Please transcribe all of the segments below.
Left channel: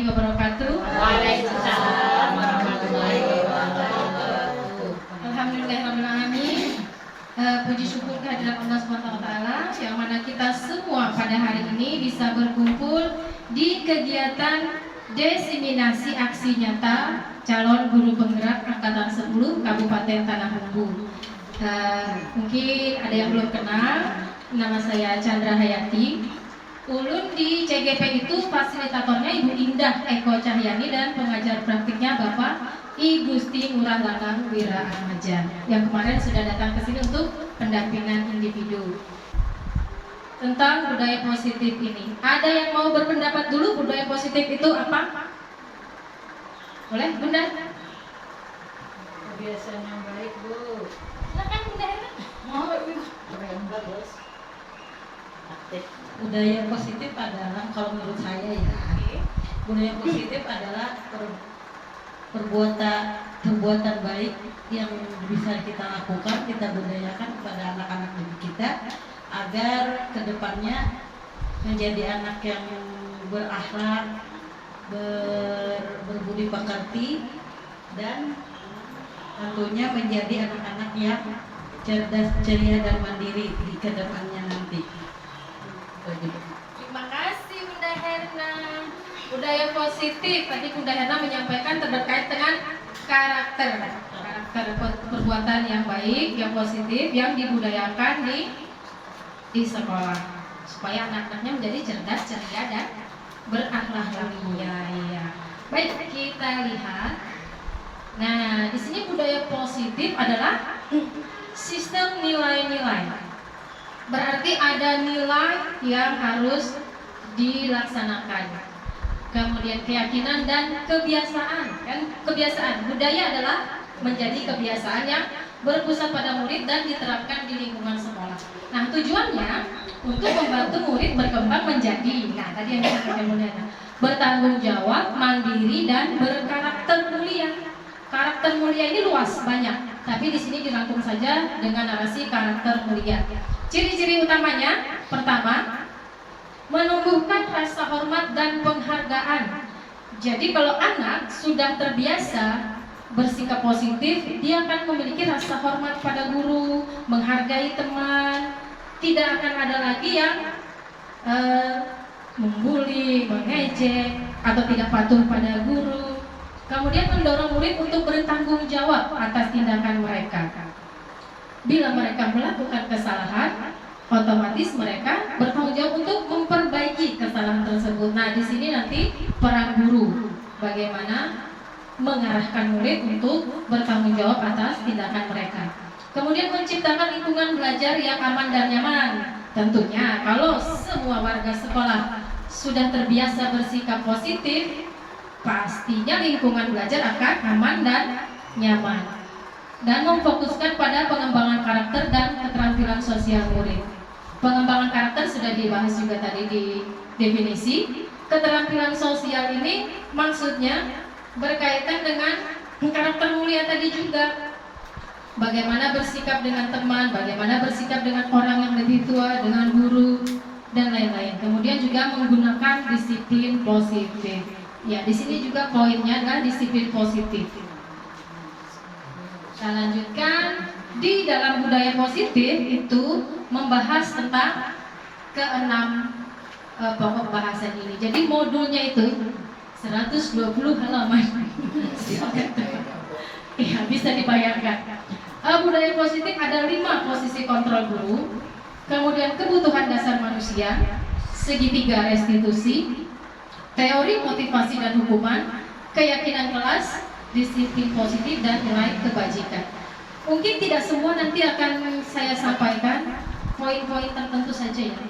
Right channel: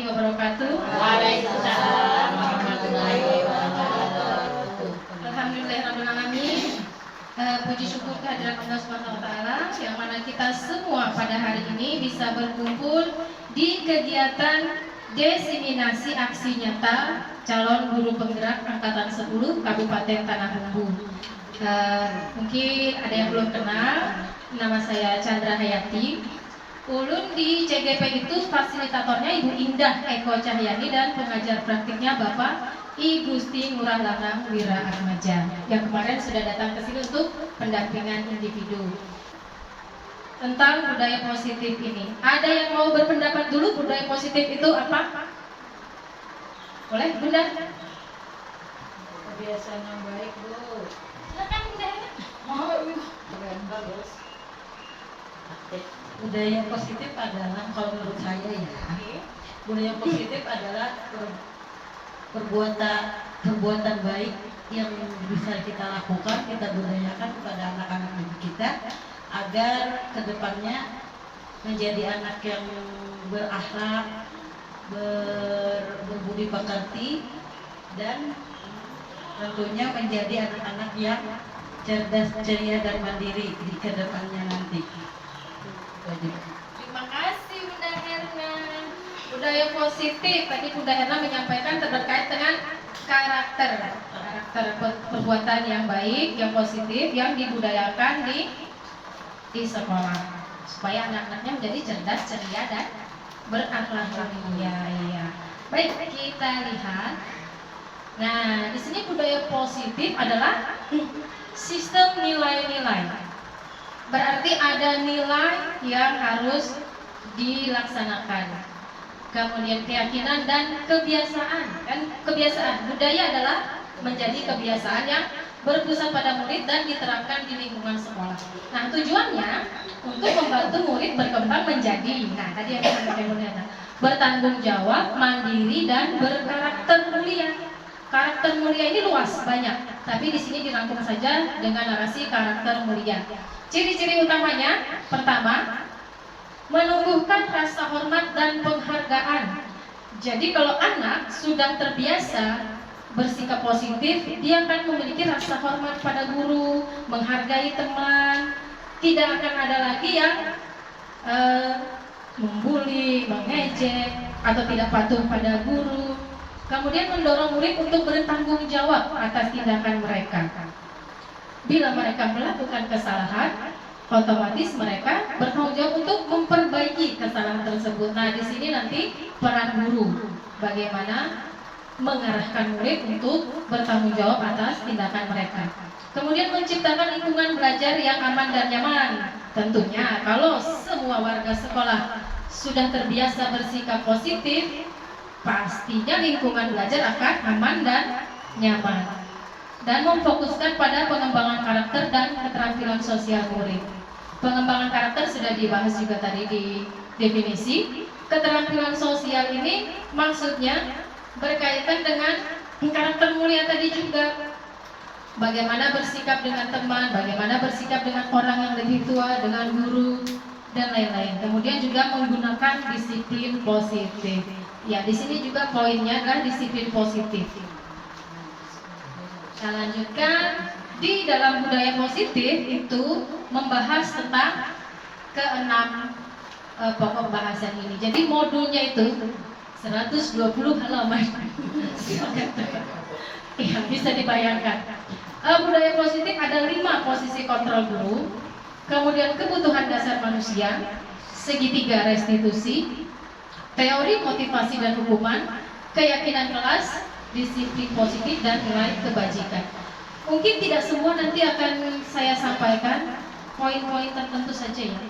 warahmatullahi wabarakatuh. Waalaikumsalam warahmatullahi wabarakatuh. Alhamdulillahirrahmanirrahim. Puji syukur kehadirat Allah SWT yang mana kita semua pada hari ini bisa berkumpul di kegiatan diseminasi aksi nyata calon guru penggerak angkatan 10 Kabupaten Tanah Bumbu. Mungkin ada yang belum kenal, nama saya Chandra Hayati. Ulun di CGP itu fasilitatornya Ibu Indah Eko Cahyani dan pengajar praktiknya Bapak I Gusti Ngurah Lanang Wira Ahmadja yang kemarin sudah datang ke sini untuk pendampingan individu tentang budaya positif ini. Ada yang mau berpendapat dulu budaya positif itu apa? Boleh, Bunda? Kebiasaan yang baik, Bu. Silakan, Bunda. Mau keren bagus. Aktif. Budaya positif adalah, kalau menurut saya ya, budaya positif adalah perbuatan baik yang bisa kita lakukan, kita budayakan kepada anak-anak didik kita agar kedepannya menjadi anak yang berakhlak, berbudi pekerti, dan tentunya menjadi anak-anak yang cerdas, ceria, dan mandiri di kedepannya nanti. Terima kasih Bunda Herna. Budaya positif tadi Bunda Herna menyampaikan terkait dengan karakter perbuatan yang baik, yang positif, yang dibudayakan di sekolah supaya anak-anaknya menjadi cerdas, ceria, dan berakhlak mulia. Ya. Baik, kita lihat. Nah, di sini budaya positif adalah sistem nilai-nilai. Berarti ada nilai yang harus dilaksanakan. Kemudian keyakinan dan kebiasaan. Kan kebiasaan, budaya adalah menjadi kebiasaan yang berpusat pada murid dan diterapkan di lingkungan sekolah. Nah, tujuannya untuk membantu murid berkembang menjadi, nah tadi yang disampaikan Bunda, bertanggung jawab, mandiri, dan berkarakter mulia. Karakter mulia ini luas, banyak, tapi di sini dirangkum saja dengan narasi karakter mulia. Ciri-ciri utamanya, pertama, menumbuhkan rasa hormat dan penghargaan. Jadi kalau anak sudah terbiasa bersikap positif, dia akan memiliki rasa hormat pada guru, menghargai teman, tidak akan ada lagi yang membuli, mengejek, atau tidak patuh pada guru. Kemudian mendorong murid untuk bertanggung jawab atas tindakan mereka. Bila mereka melakukan kesalahan, otomatis mereka bertanggung jawab untuk memperbaiki kesalahan tersebut. Nah, di sini nanti peran guru bagaimana mengarahkan murid untuk bertanggung jawab atas tindakan mereka. Kemudian menciptakan lingkungan belajar yang aman dan nyaman. Tentunya kalau semua warga sekolah sudah terbiasa bersikap positif, pastinya lingkungan belajar akan aman dan nyaman. Dan memfokuskan pada pengembangan karakter dan keterampilan sosial murid. Pengembangan karakter sudah dibahas juga tadi di definisi. Keterampilan sosial ini maksudnya berkaitan dengan karakter mulia tadi juga. Bagaimana bersikap dengan teman, bagaimana bersikap dengan orang yang lebih tua, dengan guru, dan lain-lain. Kemudian juga menggunakan disiplin positif. Ya, di sini juga poinnya adalah disiplin positif. Kita lanjutkan, di dalam budaya positif itu membahas tentang keenam pokok bahasan ini. Jadi modulnya itu 120 halaman. Ya, bisa dibayangkan. Budaya positif ada 5 posisi kontrol guru, kemudian kebutuhan dasar manusia, segitiga restitusi, teori motivasi dan hukuman, keyakinan kelas, disiplin positif, dan nilai kebajikan. Mungkin tidak semua nanti akan saya sampaikan, poin-poin tertentu saja ya.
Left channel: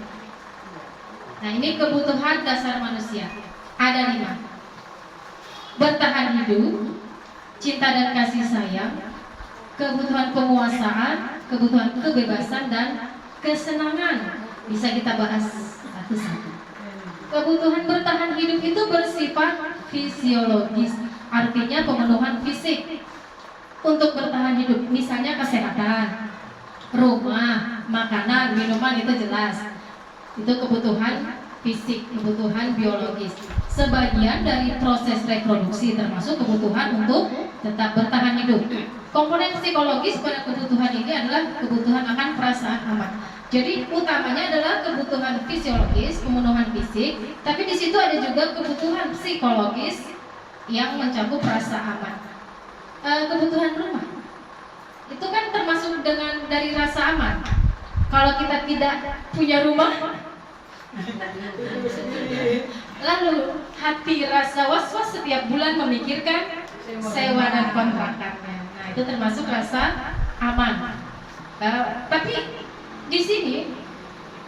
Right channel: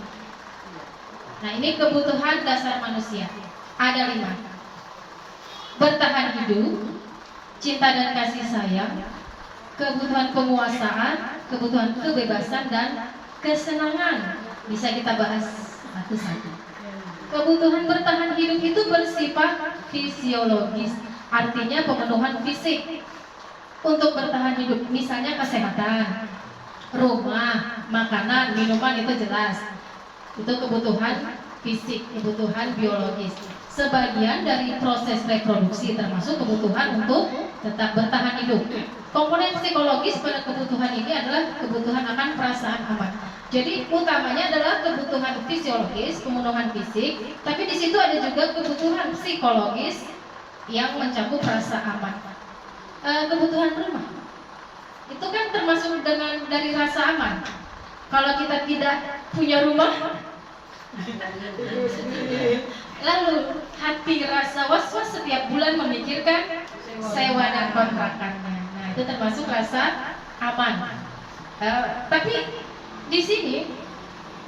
Nah, ini kebutuhan dasar manusia. Ada 5. Bertahan hidup, cinta dan kasih sayang, kebutuhan penguasaan, kebutuhan kebebasan, dan kesenangan. Bisa kita bahas satu-satu. Kebutuhan bertahan hidup itu bersifat fisiologis, artinya pemenuhan fisik untuk bertahan hidup, misalnya kesehatan, rumah, makanan, minuman, itu jelas. Itu kebutuhan fisik, kebutuhan biologis. Sebagian dari proses reproduksi termasuk kebutuhan untuk tetap bertahan hidup. Komponen psikologis pada kebutuhan ini adalah kebutuhan akan perasaan aman. Jadi utamanya adalah kebutuhan fisiologis, pemenuhan fisik, tapi di situ ada juga kebutuhan psikologis yang mencakup rasa aman. Kebutuhan rumah itu kan termasuk dengan dari rasa aman. Kalau kita tidak punya rumah, lalu hati rasa was-was setiap bulan memikirkan sewa dan kontrakannya. Nah, itu termasuk rasa aman. Tapi di sini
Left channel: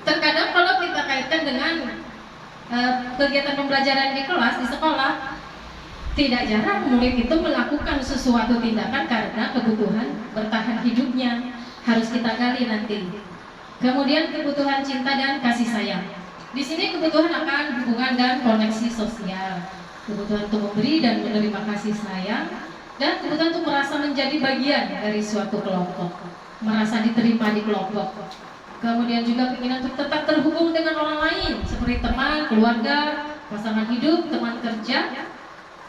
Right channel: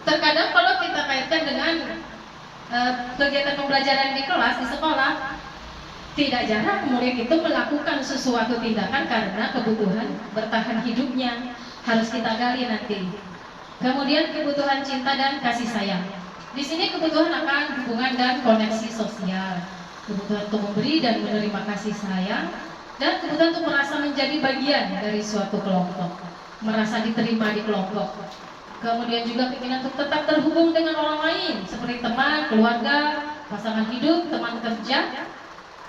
terkadang kalau kita kaitkan dengan kegiatan pembelajaran di kelas di sekolah, tidak jarang murid itu melakukan sesuatu tindakan karena kebutuhan bertahan hidupnya. Harus kita gali nanti. Kemudian kebutuhan cinta dan kasih sayang. Di sini kebutuhan akan hubungan dan koneksi sosial, kebutuhan untuk memberi dan menerima kasih sayang, dan kebutuhan untuk merasa menjadi bagian dari suatu kelompok, merasa diterima di kelompok. Kemudian juga keinginan untuk tetap terhubung dengan orang lain, seperti teman, keluarga, pasangan hidup, teman kerja.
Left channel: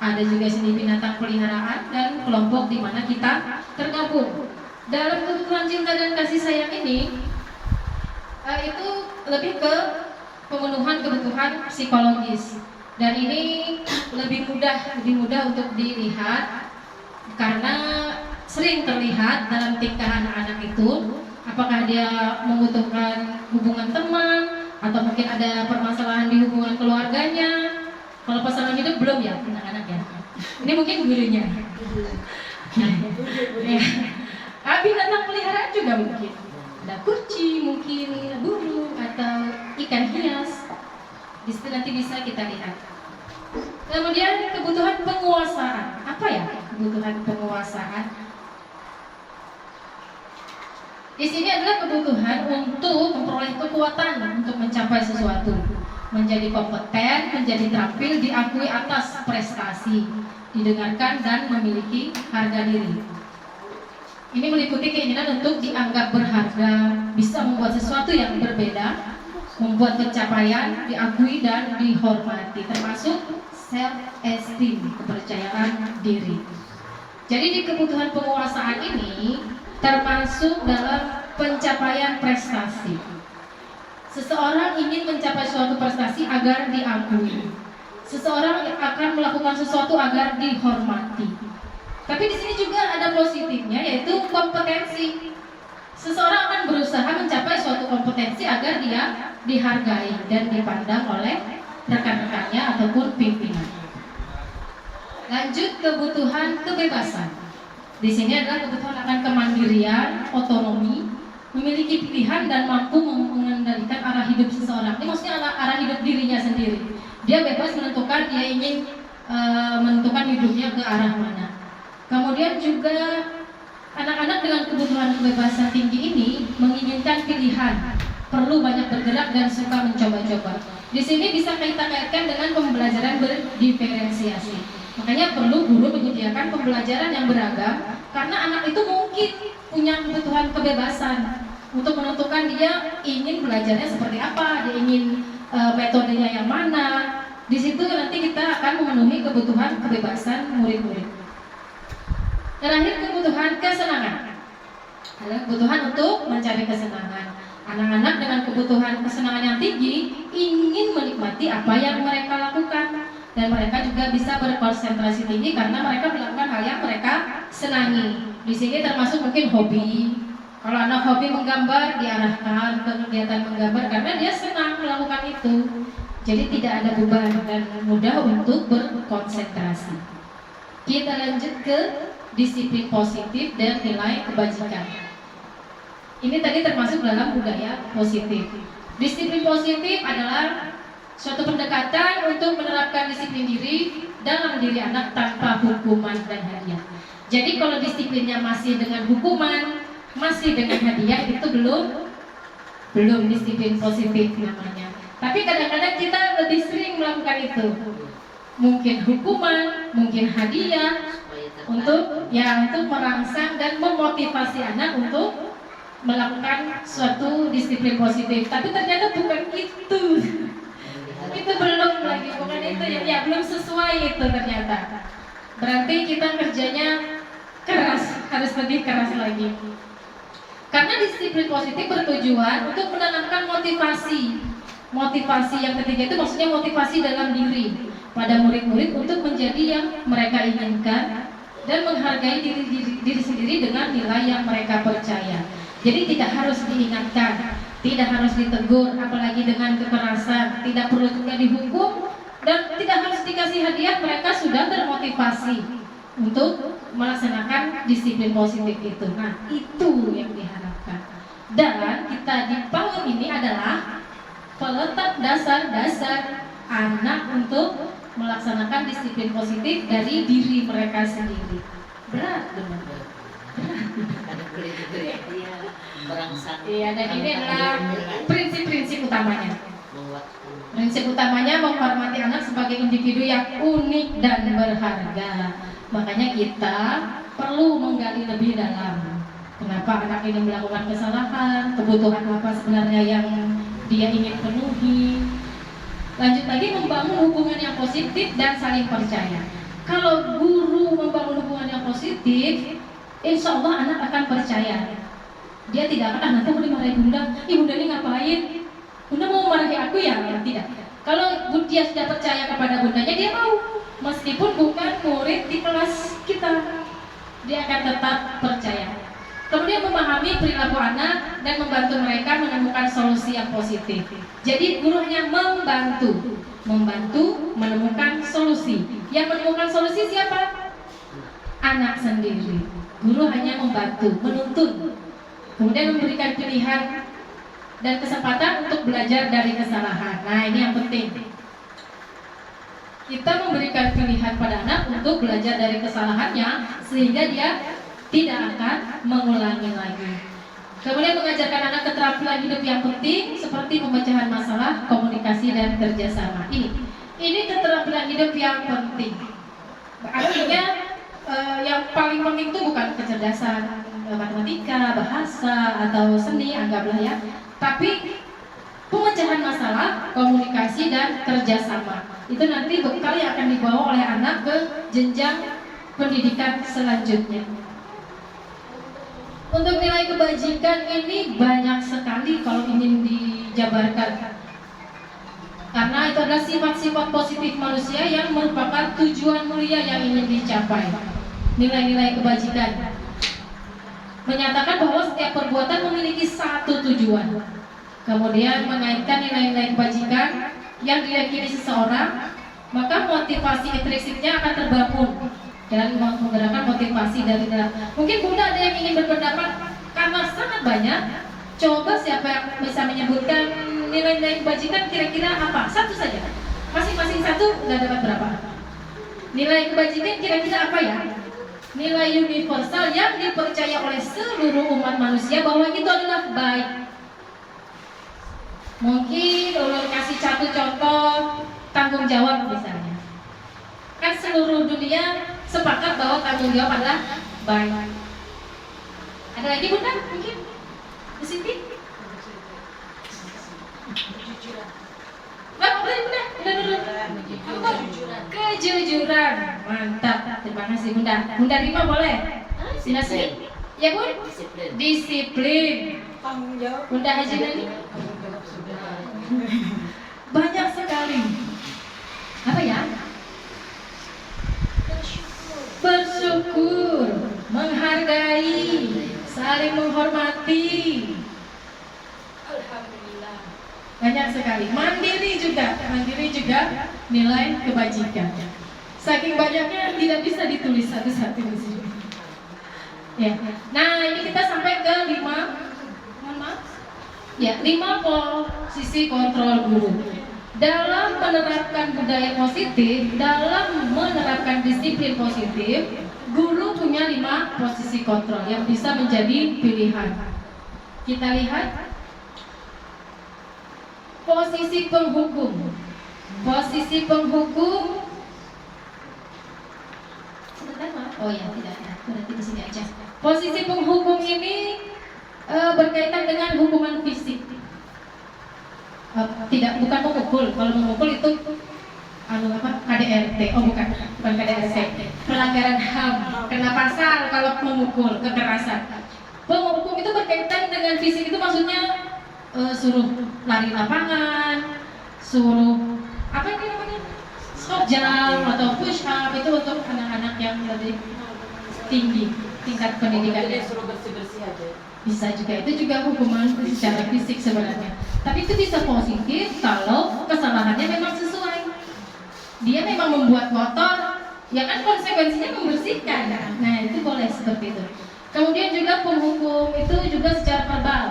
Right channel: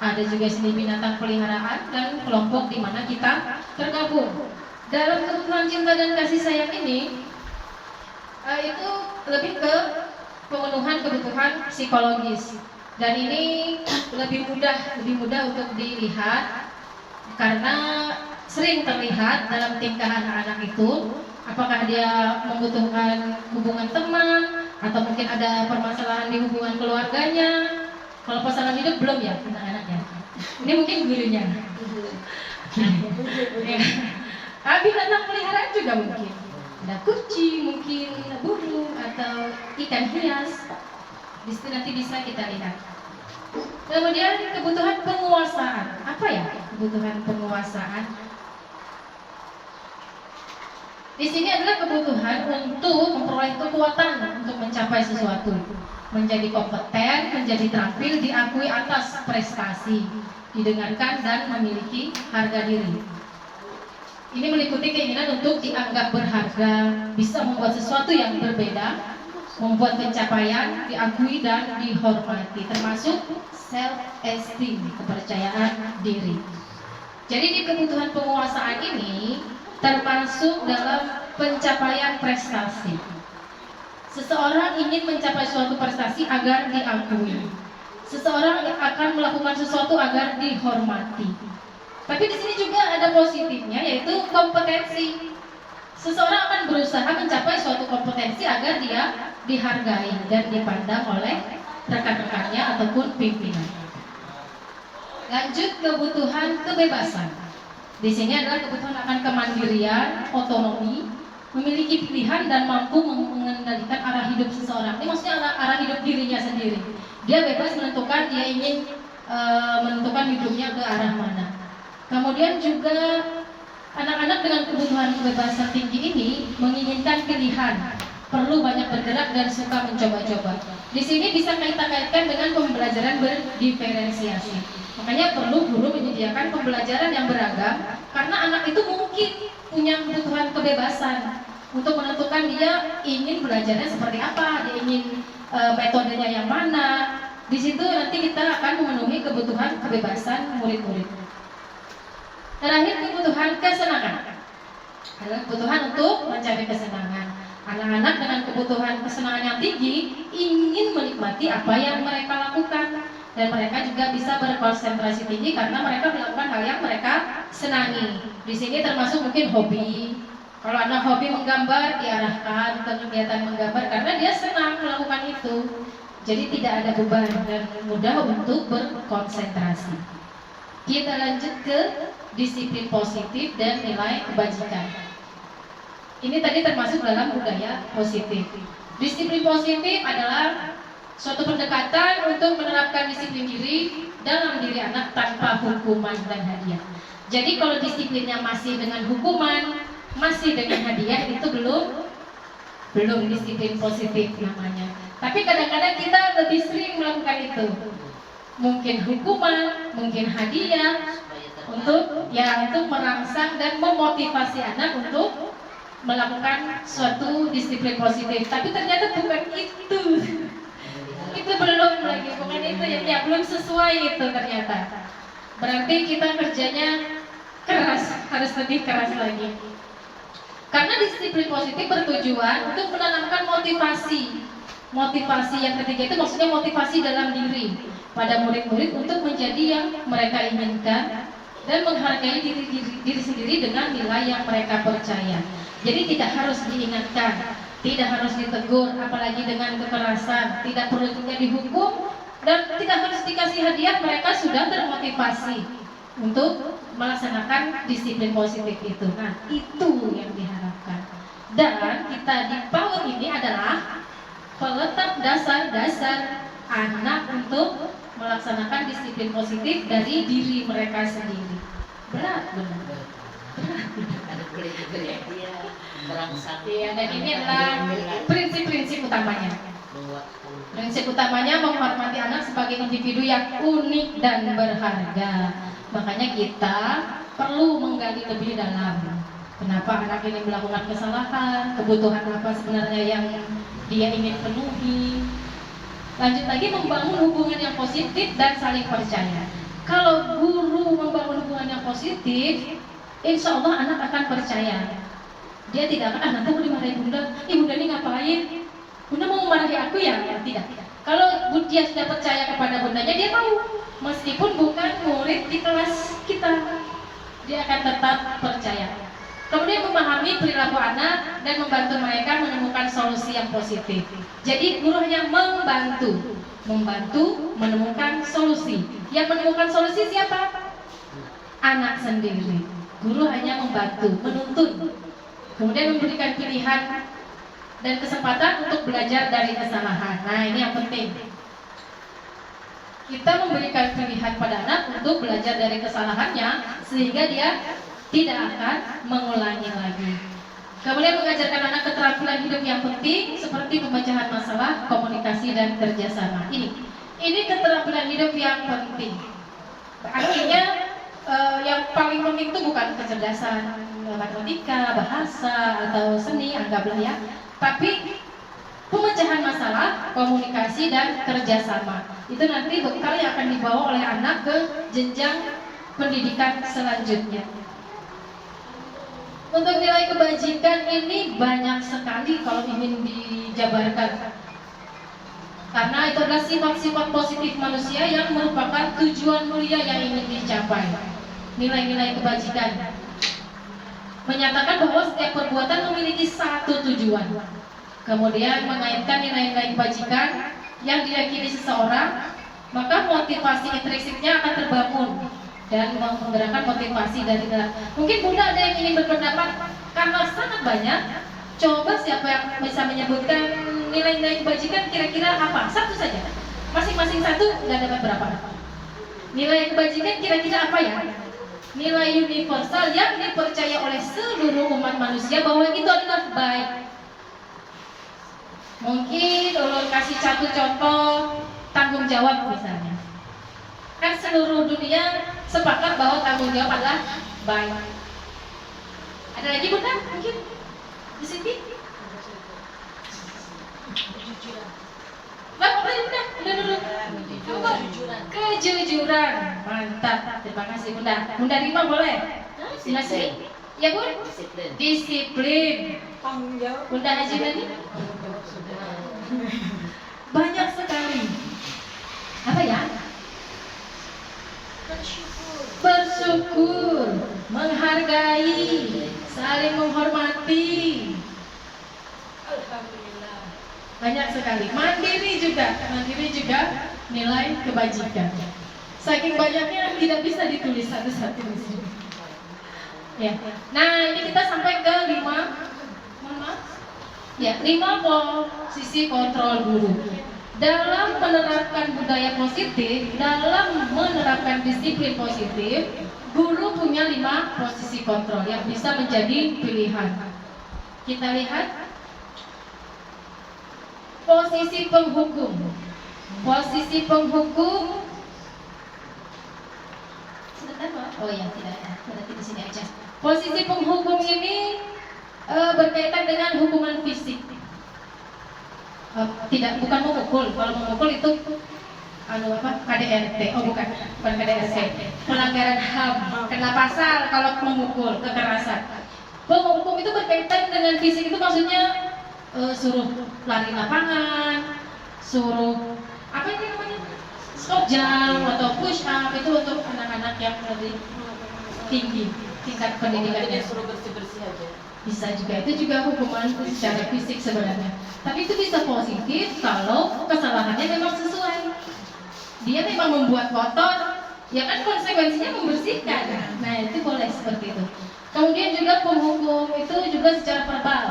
Ada juga seni binatang peliharaan dan kelompok di mana kita tergabung. Dalam kebutuhan cinta dan kasih sayang ini, itu lebih ke pemenuhan kebutuhan psikologis, dan ini lebih mudah untuk dilihat karena sering terlihat dalam tingkah anak-anak itu, apakah dia membutuhkan hubungan teman atau mungkin ada permasalahan di hubungan keluarganya. Kalau pasangan hidup belum ya anak-anak ya. Ini mungkin gurunya. Binatang peliharaan juga mungkin. Ada kucing, mungkin burung atau ikan hias. Di situ nanti bisa kita lihat. Kemudian kebutuhan penguasaan. Apa ya kebutuhan penguasaan? Di sini adalah kebutuhan untuk memperoleh kekuatan untuk mencapai sesuatu, menjadi kompeten, menjadi terampil, diakui atas prestasi, didengarkan dan memiliki harga diri. Ini meliputi keinginan untuk dianggap berharga, bisa membuat sesuatu yang berbeda, membuat pencapaian, diakui dan dihormati, termasuk self-esteem, kepercayaan diri. Jadi di kebutuhan penguasaan ini termasuk dalam pencapaian prestasi. Seseorang ingin mencapai suatu prestasi agar diakui. Seseorang akan melakukan sesuatu agar dihormati. Tapi di sini juga ada positifnya, yaitu kompetensi. Seseorang akan berusaha mencapai suatu kompetensi agar dia dihargai dan dipandang oleh rekan-rekannya ataupun pimpinan. Lanjut, kebutuhan kebebasan. Di sini adalah kebutuhan akan kemandirian, otonomi, memiliki pilihan dan mampu mengendalikan arah hidup seseorang. Ini maksudnya arah hidup dirinya sendiri. Dia bebas menentukan dia ingin menentukan hidupnya ke arah mana. Kemudian juga anak-anak dengan kebutuhan kebebasan tinggi ini menginginkan pilihan, perlu banyak bergerak dan suka mencoba-coba. Di sini bisa kita kaitkan dengan pembelajaran berdiferensiasi. Makanya perlu guru menyediakan pembelajaran yang beragam, karena anak itu mungkin punya kebutuhan kebebasan untuk menentukan dia ingin belajarnya seperti apa, dia ingin metodenya yang mana. Di situ nanti kita akan memenuhi kebutuhan kebebasan murid-murid. Terakhir, kebutuhan kesenangan adalah kebutuhan untuk mencari kesenangan. Anak-anak dengan kebutuhan kesenangan yang tinggi ingin menikmati apa yang mereka lakukan, dan mereka juga bisa berkonsentrasi tinggi karena mereka melakukan hal yang mereka senangi. Di sini termasuk mungkin hobi. Kalau anak hobi menggambar, diarahkan ke kegiatan menggambar karena dia senang melakukan itu. Jadi tidak ada beban dan mudah untuk berkonsentrasi. Kita lanjut ke disiplin positif dan nilai kebajikan. Ini tadi termasuk dalam budaya positif. Disiplin positif adalah suatu pendekatan untuk menerapkan disiplin diri dalam diri anak tanpa hukuman dan hadiah. Jadi kalau disiplinnya masih dengan hukuman, masih dengan hadiah, itu belum disiplin positif namanya. Tapi kadang-kadang kita lebih sering melakukan itu. Mungkin hukuman, mungkin hadiah, untuk merangsang dan memotivasi anak untuk melakukan suatu disiplin positif. Tapi ternyata bukan itu. itu belum lagi, bukan itu ya belum sesuai itu ternyata. Berarti kita kerjanya keras, harus lebih keras lagi. Karena disiplin positif bertujuan untuk menanamkan motivasi. Motivasi yang ketiga itu maksudnya motivasi dalam diri pada murid-murid untuk menjadi yang mereka inginkan dan menghargai diri sendiri dengan nilai yang mereka percaya. Jadi tidak harus diingatkan, tidak harus ditegur, apalagi dengan kekerasan, tidak perlu juga dihukum dan tidak harus dikasih hadiah. Mereka sudah termotivasi untuk melaksanakan disiplin positif itu. Nah, itu yang diharapkan. Dan kita di PAUD ini adalah peletak dasar-dasar anak untuk melaksanakan disiplin positif dari diri mereka sendiri. Berat benar. Ada kulit ya. Berangsang. Iya, dan ini adalah prinsip-prinsip utamanya. Prinsip utamanya menghormati anak sebagai individu yang unik dan berharga. Makanya kita perlu menggali lebih dalam. Kenapa anak ini melakukan kesalahan, kebutuhan apa sebenarnya yang dia ingin penuhi. Lanjut lagi, membangun hubungan yang positif dan saling percaya. Kalau guru membangun hubungan yang positif, insya Allah anak akan percaya. Dia tidak akan, nanti aku dimarahin bunda, bunda ini ngapain? Bunda mau marahi aku ya? Tidak. Kalau dia sudah percaya kepada bundanya, dia mau. Meskipun bukan murid di kelas kita, dia akan tetap percaya. Kemudian memahami perilaku anak dan membantu mereka menemukan solusi yang positif. Jadi guru hanya membantu menemukan solusi. Yang menemukan solusi siapa? Anak sendiri. Guru hanya membantu, menuntun, kemudian memberikan pilihan dan kesempatan untuk belajar dari kesalahan. Nah, ini yang penting. Kita memberikan pilihan pada anak untuk belajar dari kesalahannya sehingga dia tidak akan mengulangi lagi. Kemudian mengajarkan anak keterampilan hidup yang penting seperti pemecahan masalah, komunikasi dan kerjasama. Ini keterampilan hidup yang penting. Artinya yang paling penting itu bukan kecerdasan matematika, bahasa atau seni, anggaplah ya, tapi pemecahan masalah, komunikasi dan kerjasama. Itu nanti bekal yang akan dibawa oleh anak ke jenjang pendidikan selanjutnya. Untuk nilai kebajikan ini banyak sekali kalau ingin dijabarkan. Karena itu adalah sifat-sifat positif manusia yang merupakan tujuan mulia yang ingin dicapai. Nilai-nilai kebajikan menyatakan bahwa setiap perbuatan memiliki satu tujuan. Kemudian mengaitkan nilai-nilai kebajikan yang diyakini seseorang, maka motivasi intrinsiknya akan terbangun dan menggerakkan motivasi dari dalam. Mungkin Bunda ada yang ingin berpendapat karena sangat banyak. Coba siapa yang bisa menyebutkan nilai-nilai kebajikan kira-kira apa? Satu saja. Masing-masing satu nggak dapat berapa. Nilai kebajikan kira-kira apa ya? Nilai universal yang dipercaya oleh seluruh umat manusia bahwa itu adalah baik. Mungkin ulun kasih satu contoh tanggung jawab misalnya. Kan seluruh dunia sepakat bahwa tanggung jawab adalah baik. Ada lagi Bunda? Mungkin di sini? Nah, Bunda, udah dulu. Kejujuran. Mantap. Terima kasih Bunda. Bunda Rima boleh? Disiplin. Ya Bun? Disiplin. Tanggung jawab. Bunda Haji Nani? Banyak sekali. Apa ya? Bersyukur, menghargai, saling menghormati. Alhamdulillah. Banyak sekali. Mandiri juga nilai kebajikan. Saking banyaknya tidak bisa ditulis satu-satu di sini. Ya. Nah, ini kita sampai ke 5 posisi kontrol guru. Dalam menerapkan budaya positif, dalam menerapkan disiplin positif, guru punya 5 posisi kontrol yang bisa menjadi pilihan. Kita lihat posisi penghukum. Posisi penghukum. Oh ya, tidak ada. Berarti di sini aja. Posisi penghukum ini berkaitan dengan hukuman fisik. bukan memukul. Kalau memukul itu KDRT, bukan KDRT, pelanggaran HAM, kena pasal kalau memukul, kekerasan. Penghukum itu berkaitan dengan fisik, itu maksudnya suruh lari lapangan, suruh apa ini namanya, squat jump atau push up, itu untuk anak-anak yang lebih tinggi tingkat pendidikannya. Suruh bersih-bersih aja. Bisa juga, itu juga hukuman secara fisik sebenarnya. Tapi itu bisa positif kalau kesalahannya memang sesuai. Dia memang membuat kotor, ya kan konsekuensinya membersihkan. Nah itu boleh seperti itu. Kemudian juga penghukum itu juga secara verbal.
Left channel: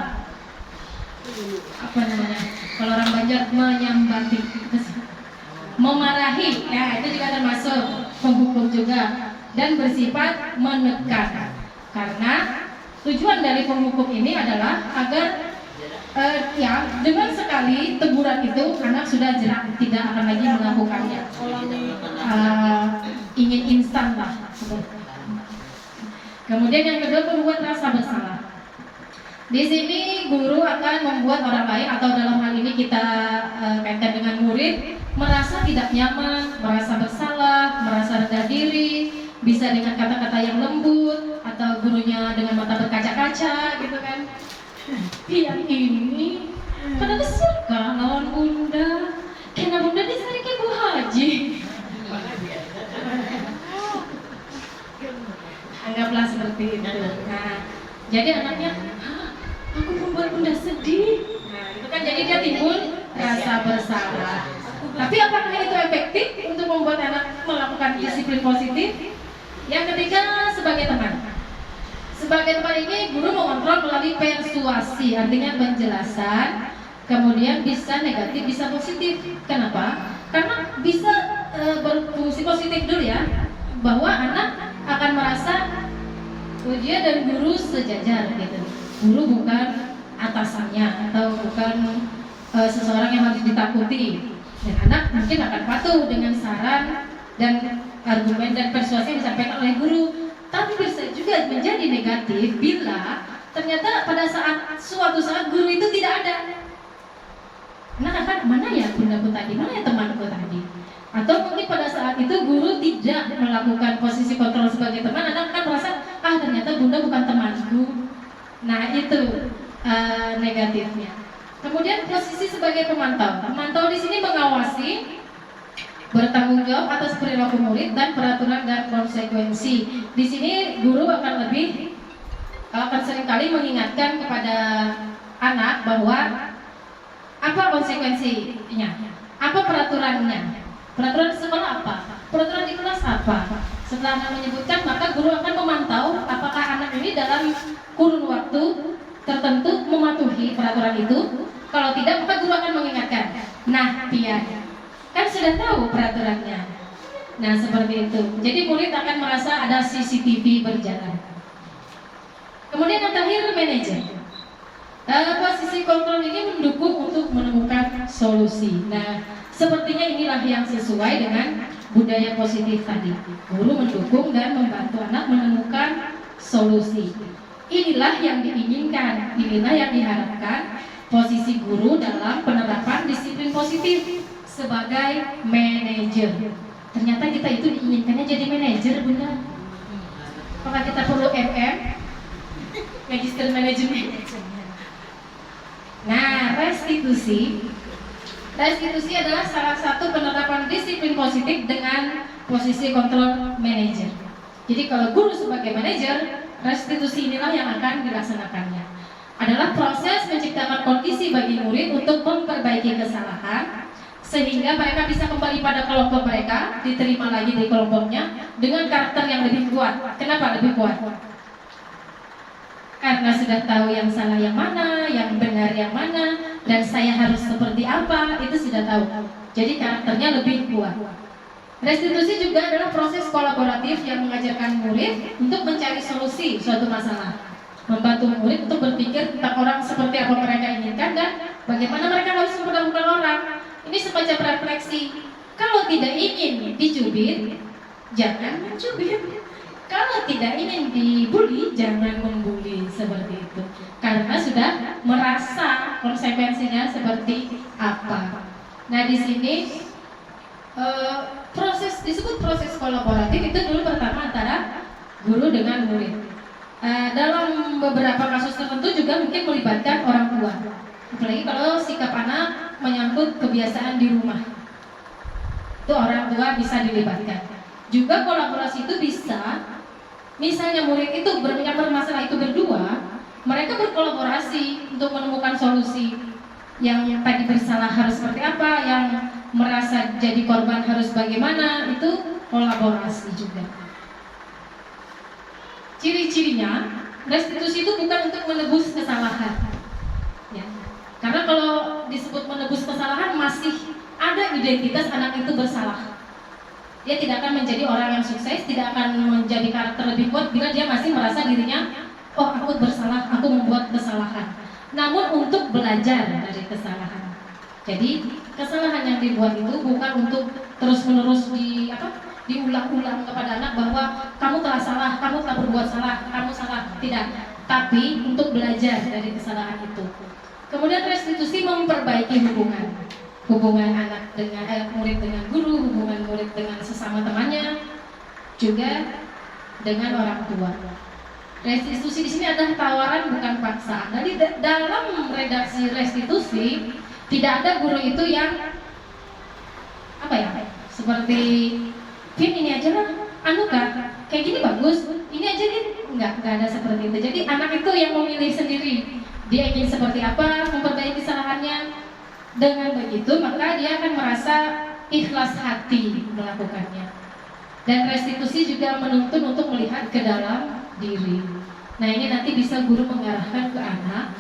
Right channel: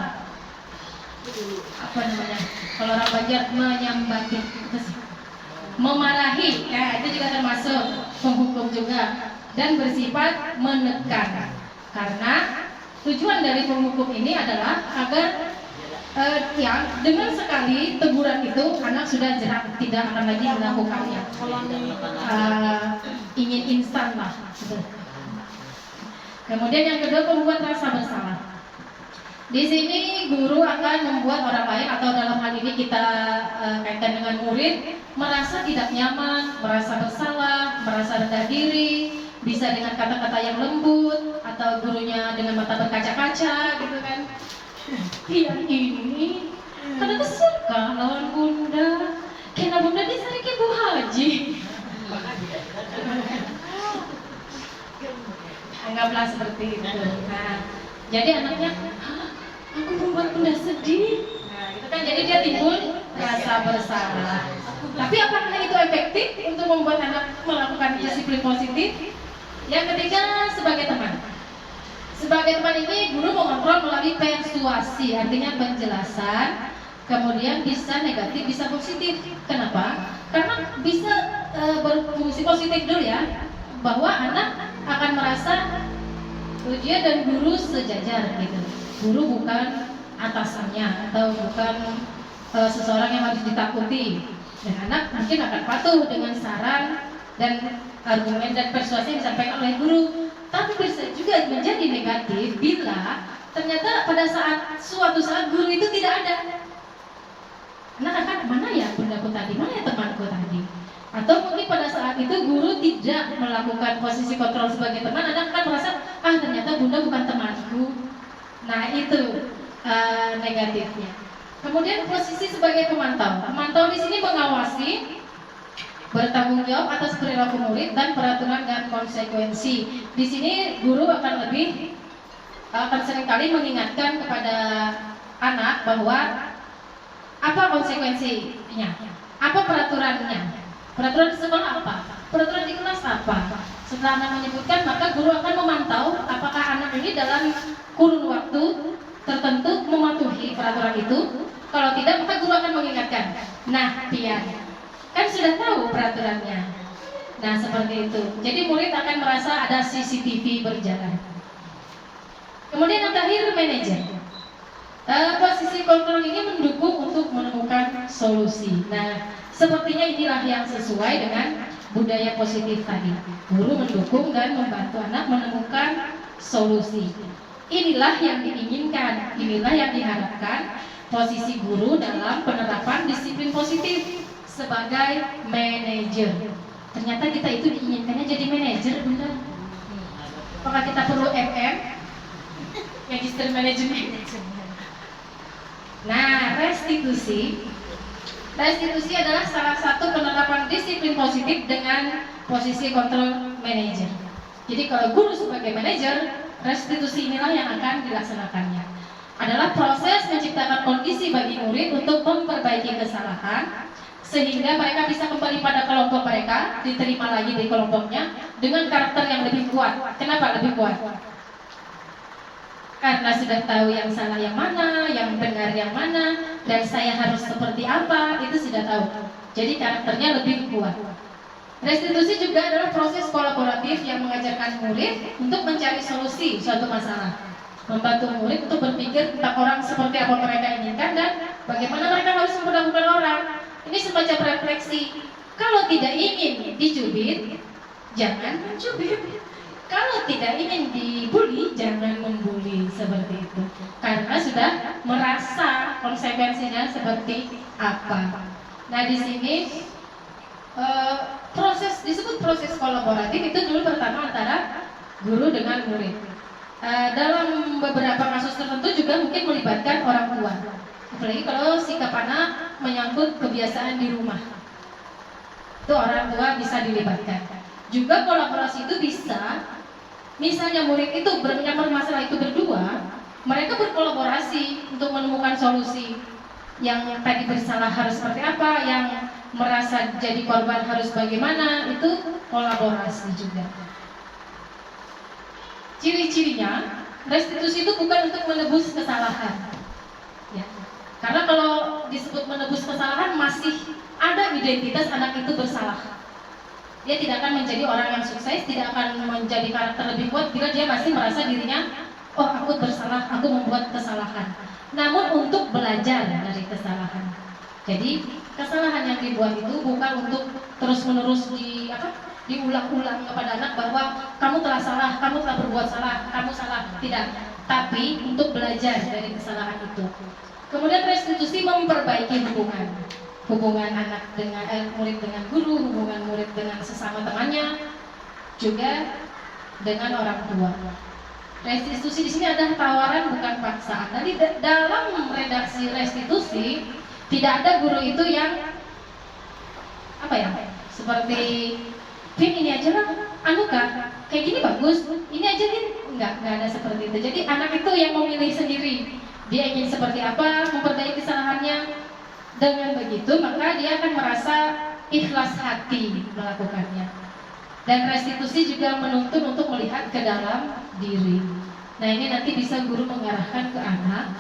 Apa namanya? Kalau orang Banjar menyambati, memarahi. Nah itu juga termasuk penghukum juga, dan bersifat menekan. Karena tujuan dari penghukum ini adalah agar ya dengan sekali teguran itu anak sudah jerak, tidak akan lagi melakukannya. Ingin instan lah. Kemudian yang kedua, membuat rasa bersalah. Di sini guru akan membuat orang lain, atau dalam hal ini kita kaitkan dengan murid, merasa tidak nyaman, merasa bersalah, merasa rendah diri, bisa dengan kata-kata yang lembut, atau gurunya dengan mata berkaca-kaca gitu kan. Yang ini kenapa suka lawan bunda? Karena bunda disari ke Bu Haji. Anggaplah seperti itu. Nah, jadi anaknya, aku membuat bunda sedih. Nah, itu kan jadi dia timbul rasa bersalah. Tapi apakah itu efektif untuk membuat anak melakukan disiplin positif? Yang ketiga, sebagai teman. Sebagai teman ini, guru mengontrol melalui persuasi, artinya penjelasan, kemudian bisa negatif, bisa positif. Kenapa? Karena bisa berfungsi positif dulu ya, bahwa anak akan merasa dia dan guru sejajar gitu. Guru bukan atasannya atau bukan seseorang yang harus ditakuti. Dan anak mungkin akan patuh dengan saran dan argumen dan persuasi yang disampaikan oleh guru. Tapi bisa juga menjadi negatif bila ternyata pada suatu saat guru itu tidak ada. Anak akan, mana ya bundaku tadi, mana ya temanku tadi? Atau mungkin pada saat itu guru tidak melakukan posisi kontrol sebagai teman, anak akan merasa, ternyata bunda bukan temanku. Nah itu negatifnya. Kemudian posisi sebagai pemantau. Pemantau di sini mengawasi, bertanggung jawab atas perilaku murid dan peraturan dan konsekuensi. Di sini guru akan seringkali mengingatkan kepada anak bahwa apa konsekuensinya, apa peraturannya, peraturan di sekolah apa, peraturan di kelas apa. Setelah anak menyebutkan, maka guru akan memantau apakah anak ini dalam kurun waktu tertentu mematuhi peraturan itu. Kalau tidak, maka guru akan mengingatkan. Nah, pian, kan sudah tahu peraturannya. Nah seperti itu. Jadi murid akan merasa ada CCTV berjalan. Kemudian yang terakhir, manajer. Posisi kontrol ini mendukung untuk menemukan solusi. Nah sepertinya inilah yang sesuai dengan budaya positif tadi. Guru mendukung dan membantu anak menemukan solusi. Inilah yang diinginkan, inilah yang diharapkan posisi guru dalam penerapan disiplin positif sebagai manajer. Ternyata kita itu diinginkannya jadi manajer, Bunda. Apakah kita perlu Magister Management? Nah, restitusi adalah salah satu penerapan disiplin positif dengan posisi kontrol manajer. Jadi kalau guru sebagai manajer, restitusi inilah yang akan dilaksanakannya. Adalah proses menciptakan kondisi bagi murid untuk memperbaiki kesalahan sehingga mereka bisa kembali pada kelompok mereka, diterima lagi di kelompoknya dengan karakter yang lebih kuat. Kenapa lebih kuat? Karena sudah tahu yang salah yang mana, yang benar yang mana, dan saya harus seperti apa, itu sudah tahu. Jadi karakternya lebih kuat. Restitusi juga adalah proses kolaboratif yang mengajarkan murid untuk mencari solusi suatu masalah, membantu murid untuk berpikir tentang orang seperti apa mereka inginkan dan bagaimana mereka harus memperlakukan orang. Ini semacam refleksi. Kalau tidak ingin dicubit, jangan mencubit. Kalau tidak ingin dibully, jangan membuli seperti itu. Karena sudah merasa konsekuensinya seperti apa. Nah di sini proses disebut proses kolaboratif itu dulu pertama antara guru dengan murid. Dalam beberapa kasus tertentu juga mungkin melibatkan orang tua. Apalagi kalau sikap anak menyangkut kebiasaan di rumah, itu orang tua bisa dilibatkan. Juga kolaborasi itu bisa, misalnya murid itu yang bermasalah itu berdua, mereka berkolaborasi untuk menemukan solusi. Yang tadi bersalah harus seperti apa, yang merasa jadi korban harus bagaimana, itu kolaborasi juga. Ciri-cirinya, restitusi itu bukan untuk menebus kesalahan. Ya. Karena kalau disebut menebus kesalahan masih ada identitas anak itu bersalah. Dia tidak akan menjadi orang yang sukses, tidak akan menjadi karakter lebih kuat bila dia masih merasa dirinya, oh aku bersalah, aku membuat kesalahan. Namun untuk belajar dari kesalahan. Jadi kesalahan yang dibuat itu bukan untuk terus-menerus diulang-ulang kepada anak bahwa kamu telah salah, kamu telah berbuat salah, kamu salah, tidak. Tapi untuk belajar dari kesalahan itu. Kemudian restitusi memperbaiki hubungan anak dengan murid dengan guru, hubungan murid dengan sesama temannya, juga dengan orang tua. Restitusi di sini adalah tawaran bukan paksaan. Jadi dalam redaksi restitusi tidak ada guru itu yang seperti Vin ini aja lah, kayak gini bagus, ini aja kan nggak ada seperti itu. Jadi anak itu yang memilih sendiri dia ingin seperti apa, memperbaiki kesalahannya. Dengan begitu maka dia akan merasa ikhlas hati melakukannya. Dan restitusi juga menuntun untuk melihat ke dalam diri. Nah ini nanti bisa guru mengarahkan ke anak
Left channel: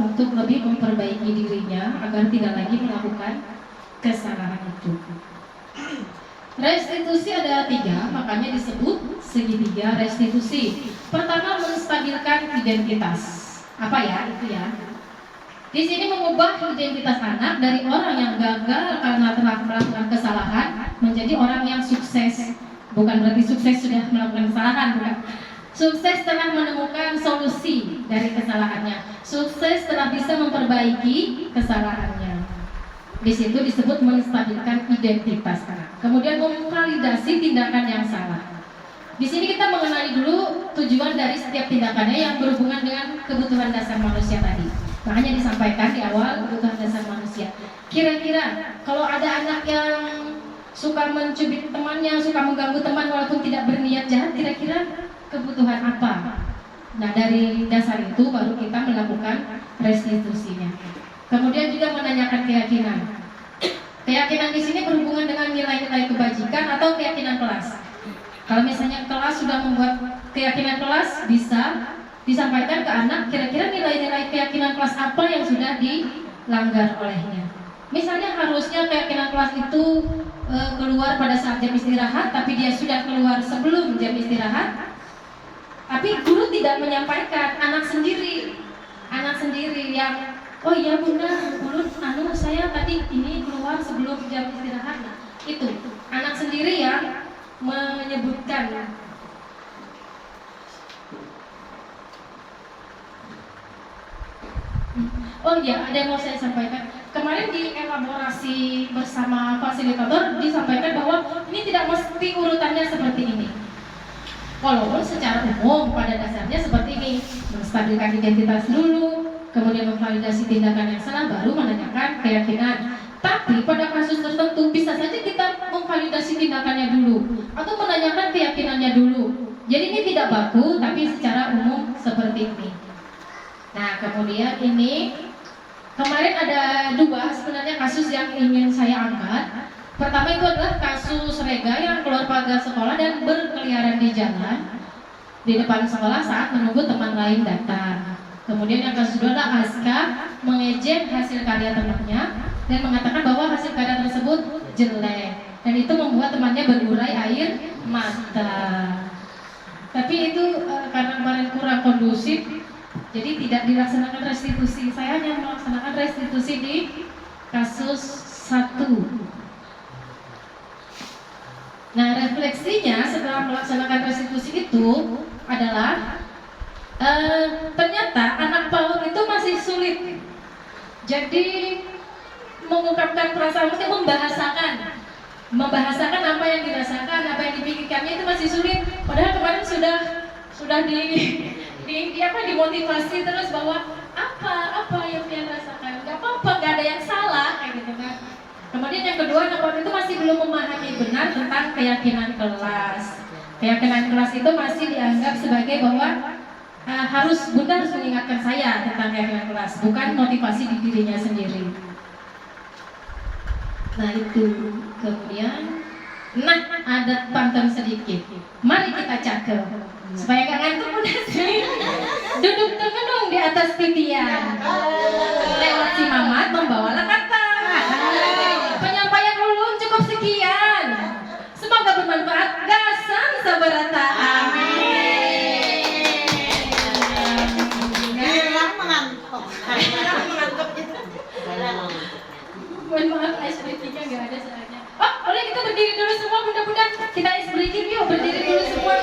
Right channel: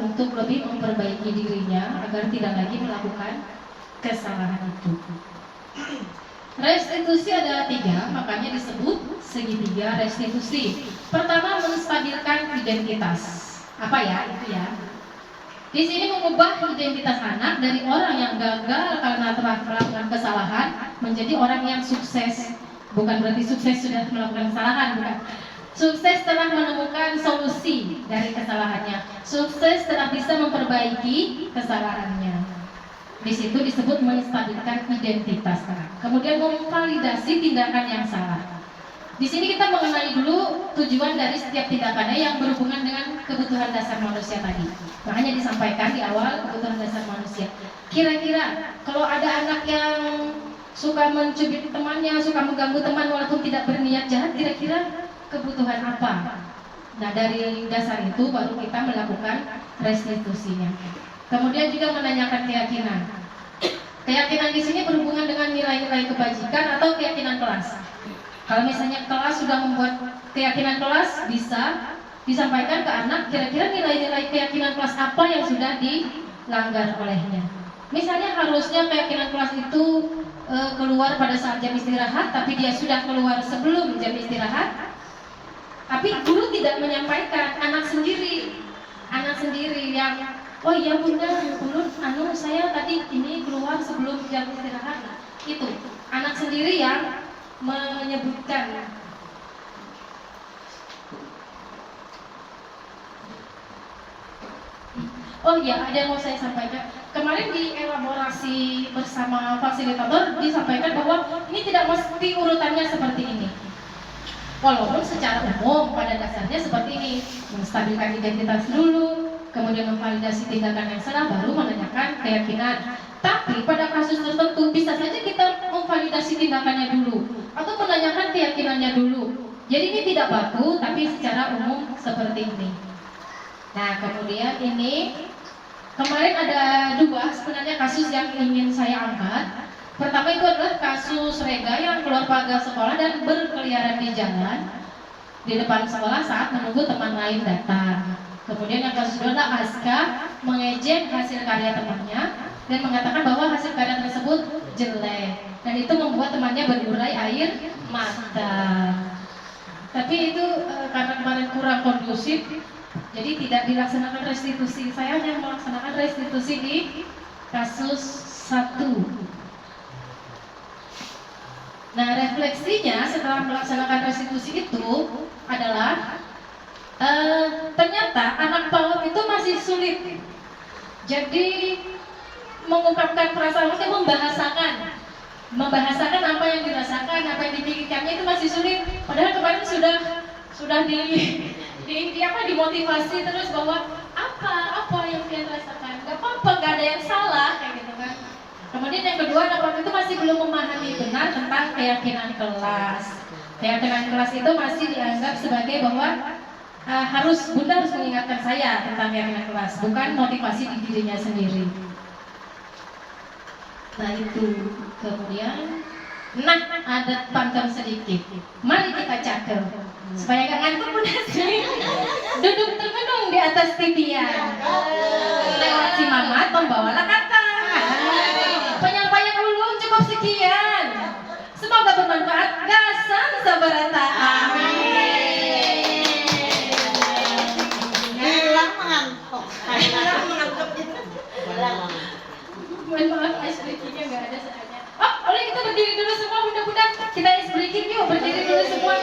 untuk lebih memperbaiki dirinya agar tidak lagi melakukan kesalahan itu. Restitusi ada 3, makanya disebut segitiga restitusi. Pertama, menstabilkan identitas. Apa ya itu ya? Di sini mengubah identitas anak dari orang yang gagal karena telah melakukan kesalahan menjadi orang yang sukses. Bukan berarti sukses sudah melakukan kesalahan, bukan. Sukses telah menemukan solusi dari kesalahannya. Sukses telah bisa memperbaiki kesalahannya. Di situ disebut menstabilkan identitas anak. Kemudian memvalidasi tindakan yang salah. Di sini kita mengenali dulu tujuan dari setiap tindakannya yang berhubungan dengan kebutuhan dasar manusia tadi. Makanya disampaikan di awal kebutuhan dasar manusia. Kira-kira kalau ada anak yang suka mencubit temannya, suka mengganggu teman walaupun tidak berniat jahat, kira-kira kebutuhan apa? Nah dari dasar itu baru kita melakukan restitusinya. Kemudian juga menanyakan keyakinan. Keyakinan di sini berhubungan dengan nilai-nilai kebajikan atau keyakinan kelas. Kalau misalnya kelas sudah membuat keyakinan kelas, bisa disampaikan ke anak kira-kira nilai-nilai keyakinan kelas apa yang sudah dilanggar olehnya. Misalnya harusnya keyakinan kelas itu keluar pada saat jam istirahat, tapi dia sudah keluar sebelum jam istirahat. Tapi guru tidak menyampaikan, anak sendiri yang oh iya bunda, guru saya tadi ini keluar sebelum jam istirahat. Nah, itu anak sendiri yang menyebutkan. Oh iya, ada yang mau saya sampaikan. Kemarin di elaborasi bersama fasilitator disampaikan bahwa ini tidak mesti urutannya seperti ini. Walaupun secara umum pada dasarnya seperti ini, menstabilkan identitas dulu, kemudian memvalidasi tindakan yang salah, baru menanyakan keyakinan. Tapi pada kasus tertentu bisa saja kita memvalidasi tindakannya dulu atau menanyakan keyakinannya dulu. Jadi ini tidak baku, tapi secara umum seperti ini. Nah kemudian ini kemarin ada 2 sebenarnya kasus yang ingin saya angkat. Pertama itu adalah kasus Rega yang keluar pagar sekolah dan berkeliaran di jalan di depan sekolah saat menunggu teman lain datang. Kemudian yang kasus kedua adalah Aska mengejek hasil karya temannya dan mengatakan bahwa hasil karya tersebut jelek dan itu membuat temannya berurai air mata. Tapi itu karena kemarin kurang kondusif, jadi tidak dilaksanakan restitusi. Saya hanya melaksanakan restitusi di kasus 1. Nah, refleksinya setelah melaksanakan restitusi itu adalah ternyata anak PAUD itu masih sulit. Jadi mengungkapkan perasaan, mesti membahasakan apa yang dirasakan, apa yang dipikirkannya itu masih sulit. Padahal kemarin sudah dimotivasi terus bahwa apa yang dia rasakan, nggak apa-apa, nggak ada yang salah kayak gitu kan. Kemudian yang kedua, anak PAUD itu masih belum memahami benar tentang keyakinan kelas. Keyakinan kelas itu masih dianggap sebagai bahwa Bunda harus mengingatkan saya tentang keyakinan kelas, bukan motivasi di dirinya sendiri. Nah itu, kemudian, ada pantun sedikit. Mari kita cakel supaya nggak ngantuk Bunda sih. Duduk termenung di atas titian, lewat si Mamat membawalah kata. Penyampaian ulun cukup sekian. Semoga bermanfaat. Gasan sabarata. Amin. Mohon maaf, ice breaking-nya nggak ada saatnya. Oleh kita berdiri dulu semua, Bunda-bunda. Kita ice breaking yuk, berdiri dulu semua.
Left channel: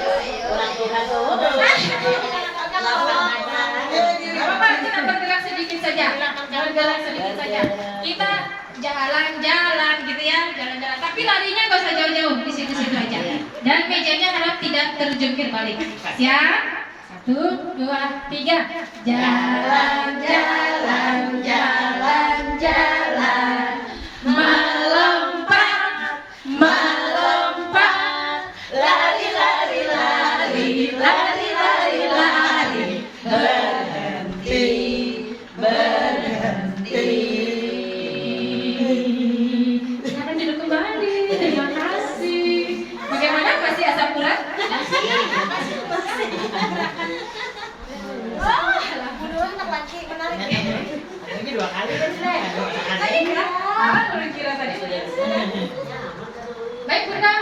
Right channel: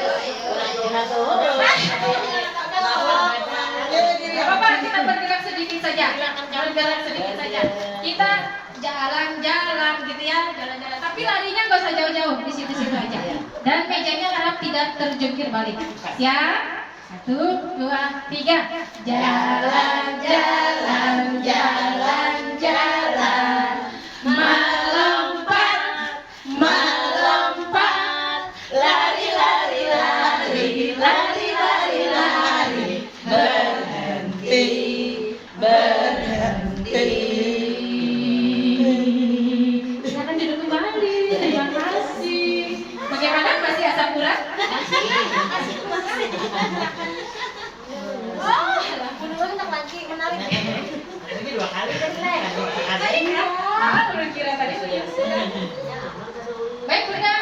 Apa-apa, kita bergerak sedikit saja. Bergerak sedikit saja. Kita jalan-jalan gitu ya, jalan-jalan. Tapi larinya nggak usah jauh-jauh, di situ-situ aja. Dan mejanya harap tidak terjungkir balik. Siap? 1, 2, 3. Jalan-jalan, jalan-jalan, melompat, melompat, lari, lari, lari, lari, lari, lari, berhenti, berhenti. Silakan duduk kembali. Terima kasih. Bagaimana, masih asam urat? Ini 2 kali kan, Nek? Kira tadi. Baik Bunda,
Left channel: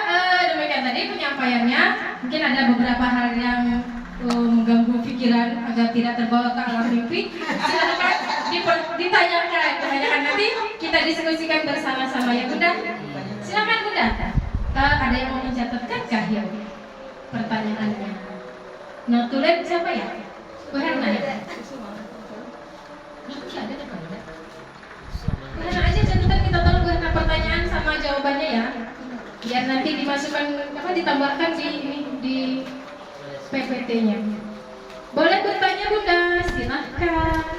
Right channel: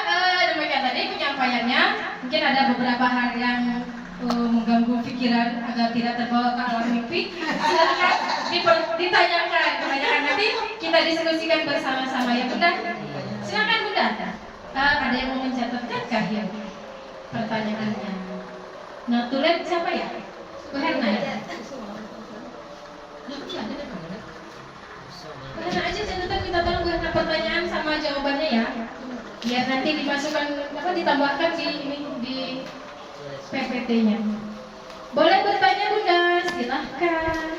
demikian tadi penyampaiannya. Mungkin ada beberapa hal yang mengganggu pikiran agar tidak terbawa ke alam mimpi. Silakan ditanyakan nanti kita diskusikan bersama-sama ya Bunda. Silakan Bunda. Ada yang mau mencatatkankah ya pertanyaannya? Notulen siapa ya? Bu Herna ya? Bu Herna aja catatan, kita tolong Bu Herna pertanyaan sama jawabannya ya. Biar nanti dimasukkan ditambahkan di PPT-nya. Boleh bertanya Bunda, silahkan.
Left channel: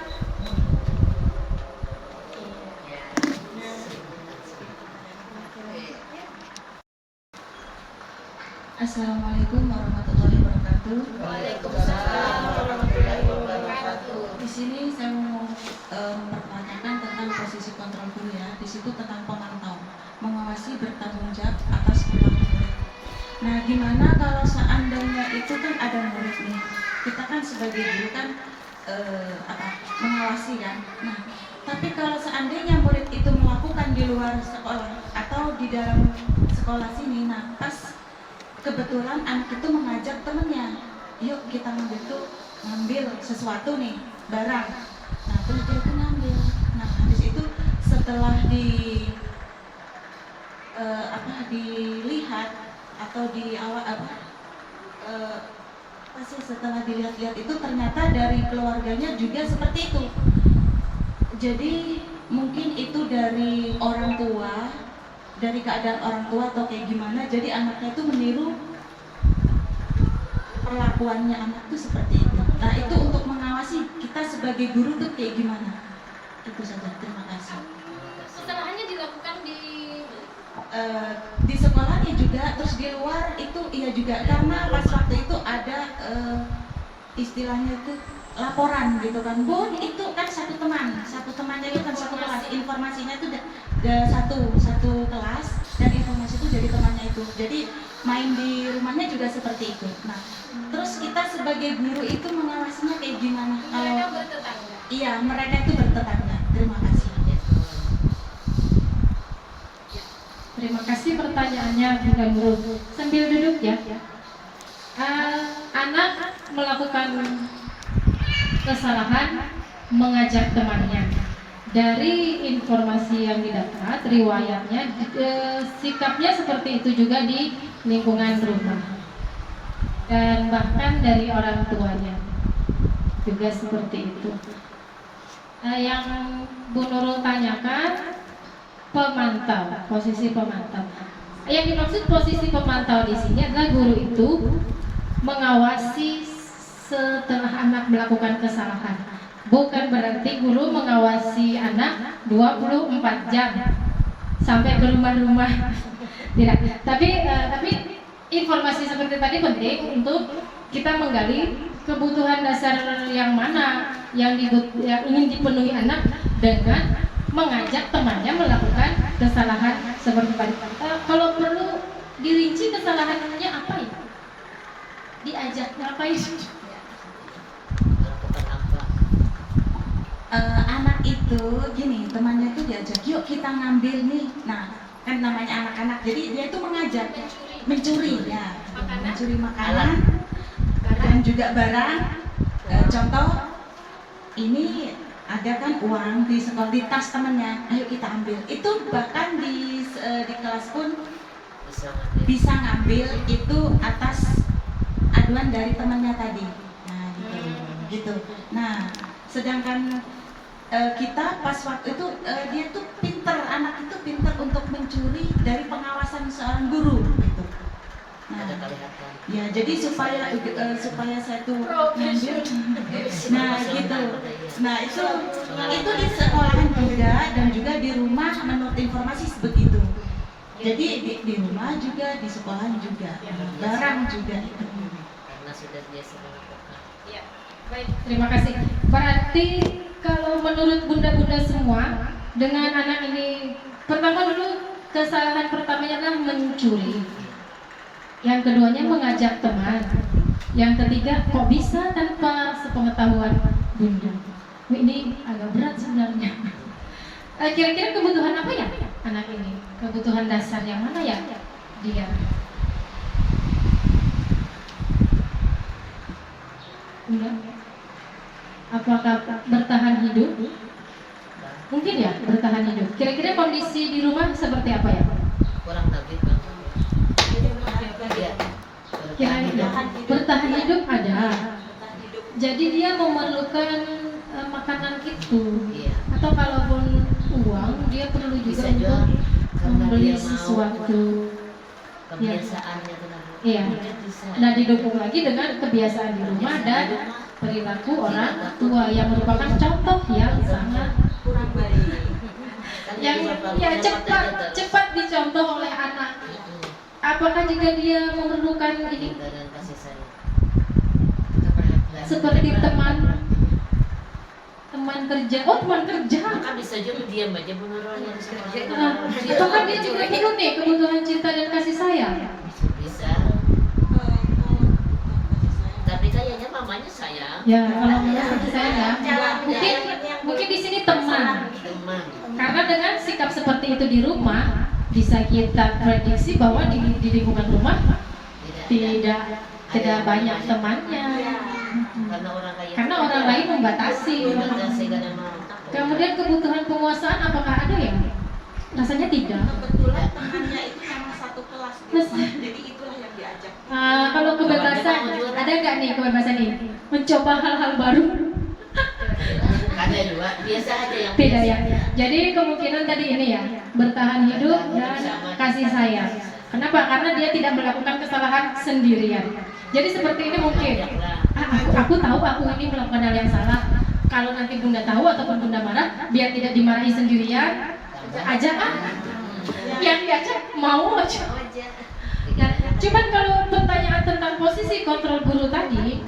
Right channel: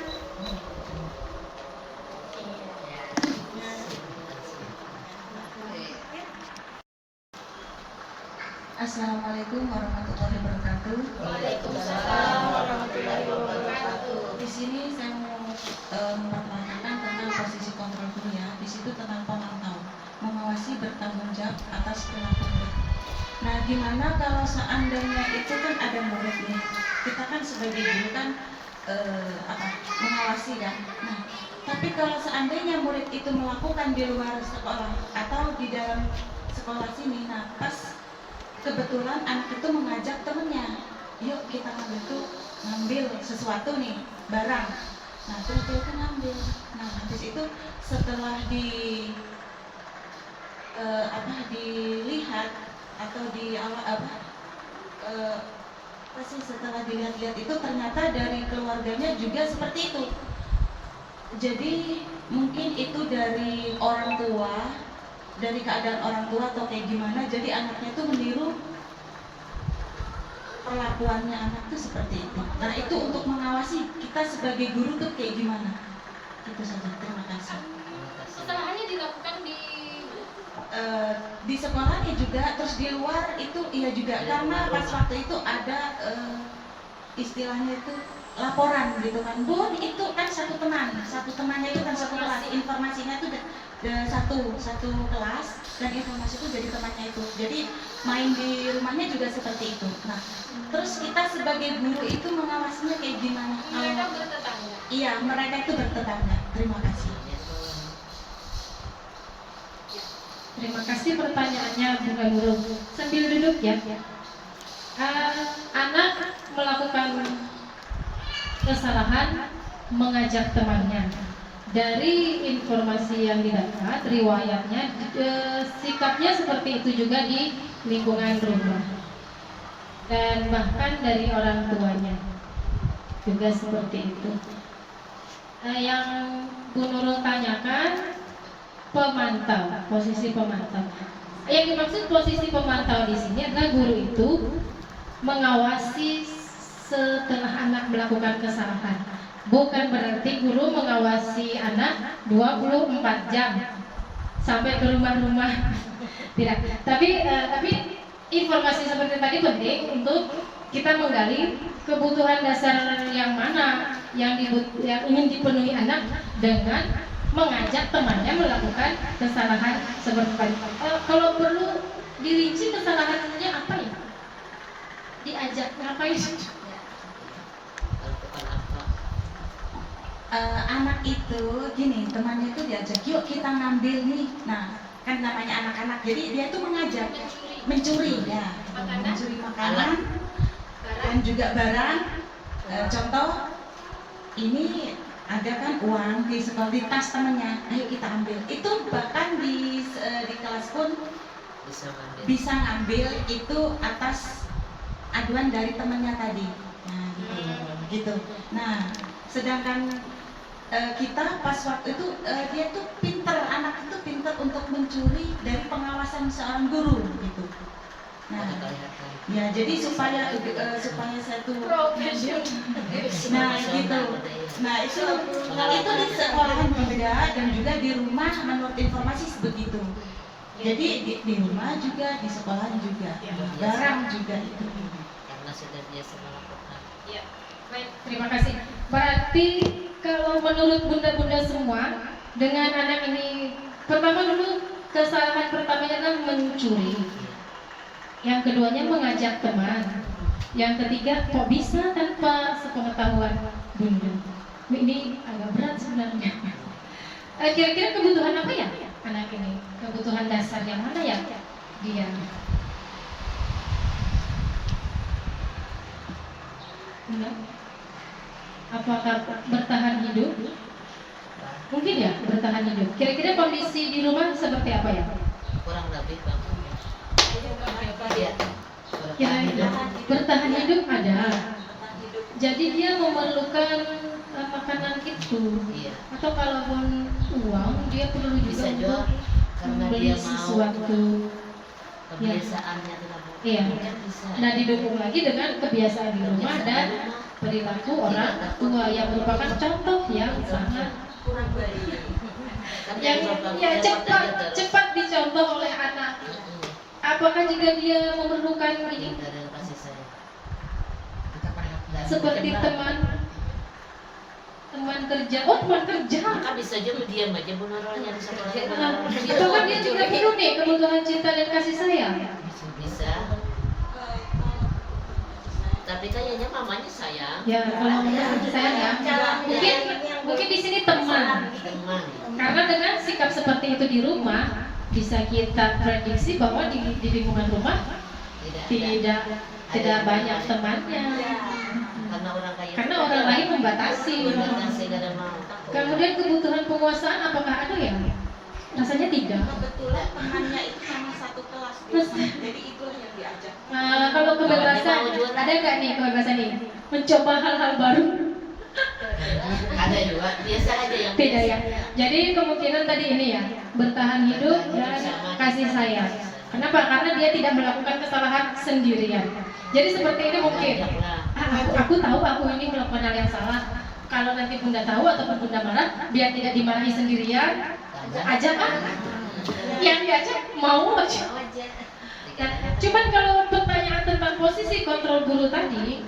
Assalamualaikum warahmatullahi wabarakatuh. Waalaikumsalam warahmatullahi wabarakatuh. Di sini saya mau mempertanyakan tentang posisi kontrol guru ya. Di situ tentang pemantau, mengawasi, bertanggung jawab atas perilaku murid. Nah, gimana kalau seandainya itu kan ada murid nih, kita kan sebagai guru kan mengawasi kan. Nah, tapi kalau seandainya murid itu melakukan di luar sekolah atau di dalam sekolah sini, nah pas kebetulan anak itu mengajak temennya, yuk kita ngambil sesuatu nih, barang. Nah terus dia itu ngambil. Nah habis itu setelah dilihat atau setelah dilihat-lihat itu ternyata dari keluarganya juga seperti itu. Jadi mungkin itu dari orang tua, dari keadaan orang tua atau kayak gimana, jadi anaknya itu meniru perlakuannya anak itu seperti itu. Nah itu untuk mengawasi kita sebagai guru tuh kayak gimana? Itu saja, terima kasih. Kesalahannya dilakukan di sekolahnya juga, terus di luar itu iya juga, karena pas waktu itu ada istilahnya itu laporan gitu kan, Bu itu kan satu temannya itu kan satu kelas, informasinya itu satu kelas dan informasi itu jadi temannya itu, jadi main di rumahnya juga seperti itu. Nah terus kita sebagai guru itu mengawasinya kayak gimana? mereka bertetangga. Iya, mereka itu bertetangga. Terima kasih. Terima kasih pertanyaannya Bunda Guru. Sambil duduk ya. Anak melakukan kesalahan mengajak temannya Dari informasi yang didapat, riwayatnya, sikapnya seperti itu juga di lingkungan rumah. Dan bahkan dari orang tuanya juga seperti itu. Yang Bu Nurul tanyakan, pemantau, posisi pemantau. Yang dimaksud posisi pemantau di sini adalah guru itu mengawasi setelah anak melakukan kesalahan. Bukan berarti guru mengawasi anak 24 jam sampai ke rumah-rumah. Tidak. Tapi informasi seperti tadi penting untuk kita menggali kebutuhan dasar yang mana yang ingin dipenuhi anak dengan mengajak temannya melakukan kesalahan seperti tadi. Kalau perlu dirinci kesalahannya apa ya? Diajak ngapain? Anak itu gini, temannya itu diajak, yuk kita ngambil nih. Nah, kan namanya anak-anak, jadi dia itu mengajak mencuri ya, mencuri makanan dan juga barang. Contoh, ini ada kan uang di sekolah, di tas temannya, ayo kita ambil. Itu bahkan di kelas pun bisa ngambil itu atas aduan dari temannya tadi. Nah, gitu. Nah, sedangkan kita pas waktu itu dia tuh pinter, anak itu pinter untuk mencuri dari pengawasan seorang guru gitu. Nah, ya jadi supaya saya tuh ngambil. Nah gitu. Nah itu di sekolahan juga dan juga di rumah menurut informasi begitu. Jadi di rumah juga, di sekolahan juga, barang juga itu. Karena sudah biasa melakukan. Ya, baik, terima kasih. Berarti kalau menurut bunda-bunda semua, dengan anak ini, pertama dulu kesalahan pertamanya adalah mencuri. Yang keduanya mengajak teman. Yang ketiga, kok bisa tanpa sepengetahuan bunda? Ini agak berat sebenarnya. Kira-kira kebutuhan apa ya anak ini? Kebutuhan dasar yang mana ya dia? Bunda? Apakah bertahan hidup? Mungkin ya bertahan hidup. Kira-kira kondisi di rumah seperti apa ya? Kurang lebih Bang. Iya. Kira-kira bertahan hidup ada. Jadi dia memerlukan makanan itu. Iya. Atau kalaupun uang dia perlu juga Bisa juga untuk karena membeli dia mau sesuatu. kebiasaannya tidak mau. Iya. Mungkin bisa. Nah didukung lagi dengan kebiasaan di rumah dan perilaku orang tua yang merupakan contoh yang sangat Kurang baik. Kan yang beberapa ya beberapa cepat dicontoh oleh anak. Mm-mm. Apakah jika dia memerlukan ini Cinta dan kasih sayang. seperti teman kerja? Oh teman kerja. Maka bisa aja lu diam aja benerannya di sekolah. Nah, apakah dia juga perlu nih kebutuhan cinta dan kasih sayang? Bisa. Tapi kayaknya mamanya sayang. Ya kalau menurut saya ya mungkin di sini teman. Teman. Karena dengan sikap seperti itu di rumah bisa kita prediksi bahwa di lingkungan rumah tidak banyak temannya. Karena orang lain membatasi. Kadang mau. Kemudian kebutuhan penguasaan apakah ada ya? Rasanya tidak. Kebetulan temannya itu sama satu kelas, jadi itulah yang diajak. Kalau kebebasan ada nggak nih kebebasan ini? Mencoba hal-hal baru? Ada juga. Biasa aja yang Tidak biasa. ya. Jadi kemungkinan tadi ini ya bertahan hidup dan kasih sayang. Kenapa? Karena dia tidak melakukan kesalahan sendirian. Jadi seperti ini mungkin. Aku tahu aku ini melakukan hal yang salah. Kalau nanti bunda tahu ataupun bunda marah, biar tidak dimarahi sendirian, ajak yang diajak mau aja. Ya, cuman kalau pertanyaan tentang posisi kontrol guru tadi,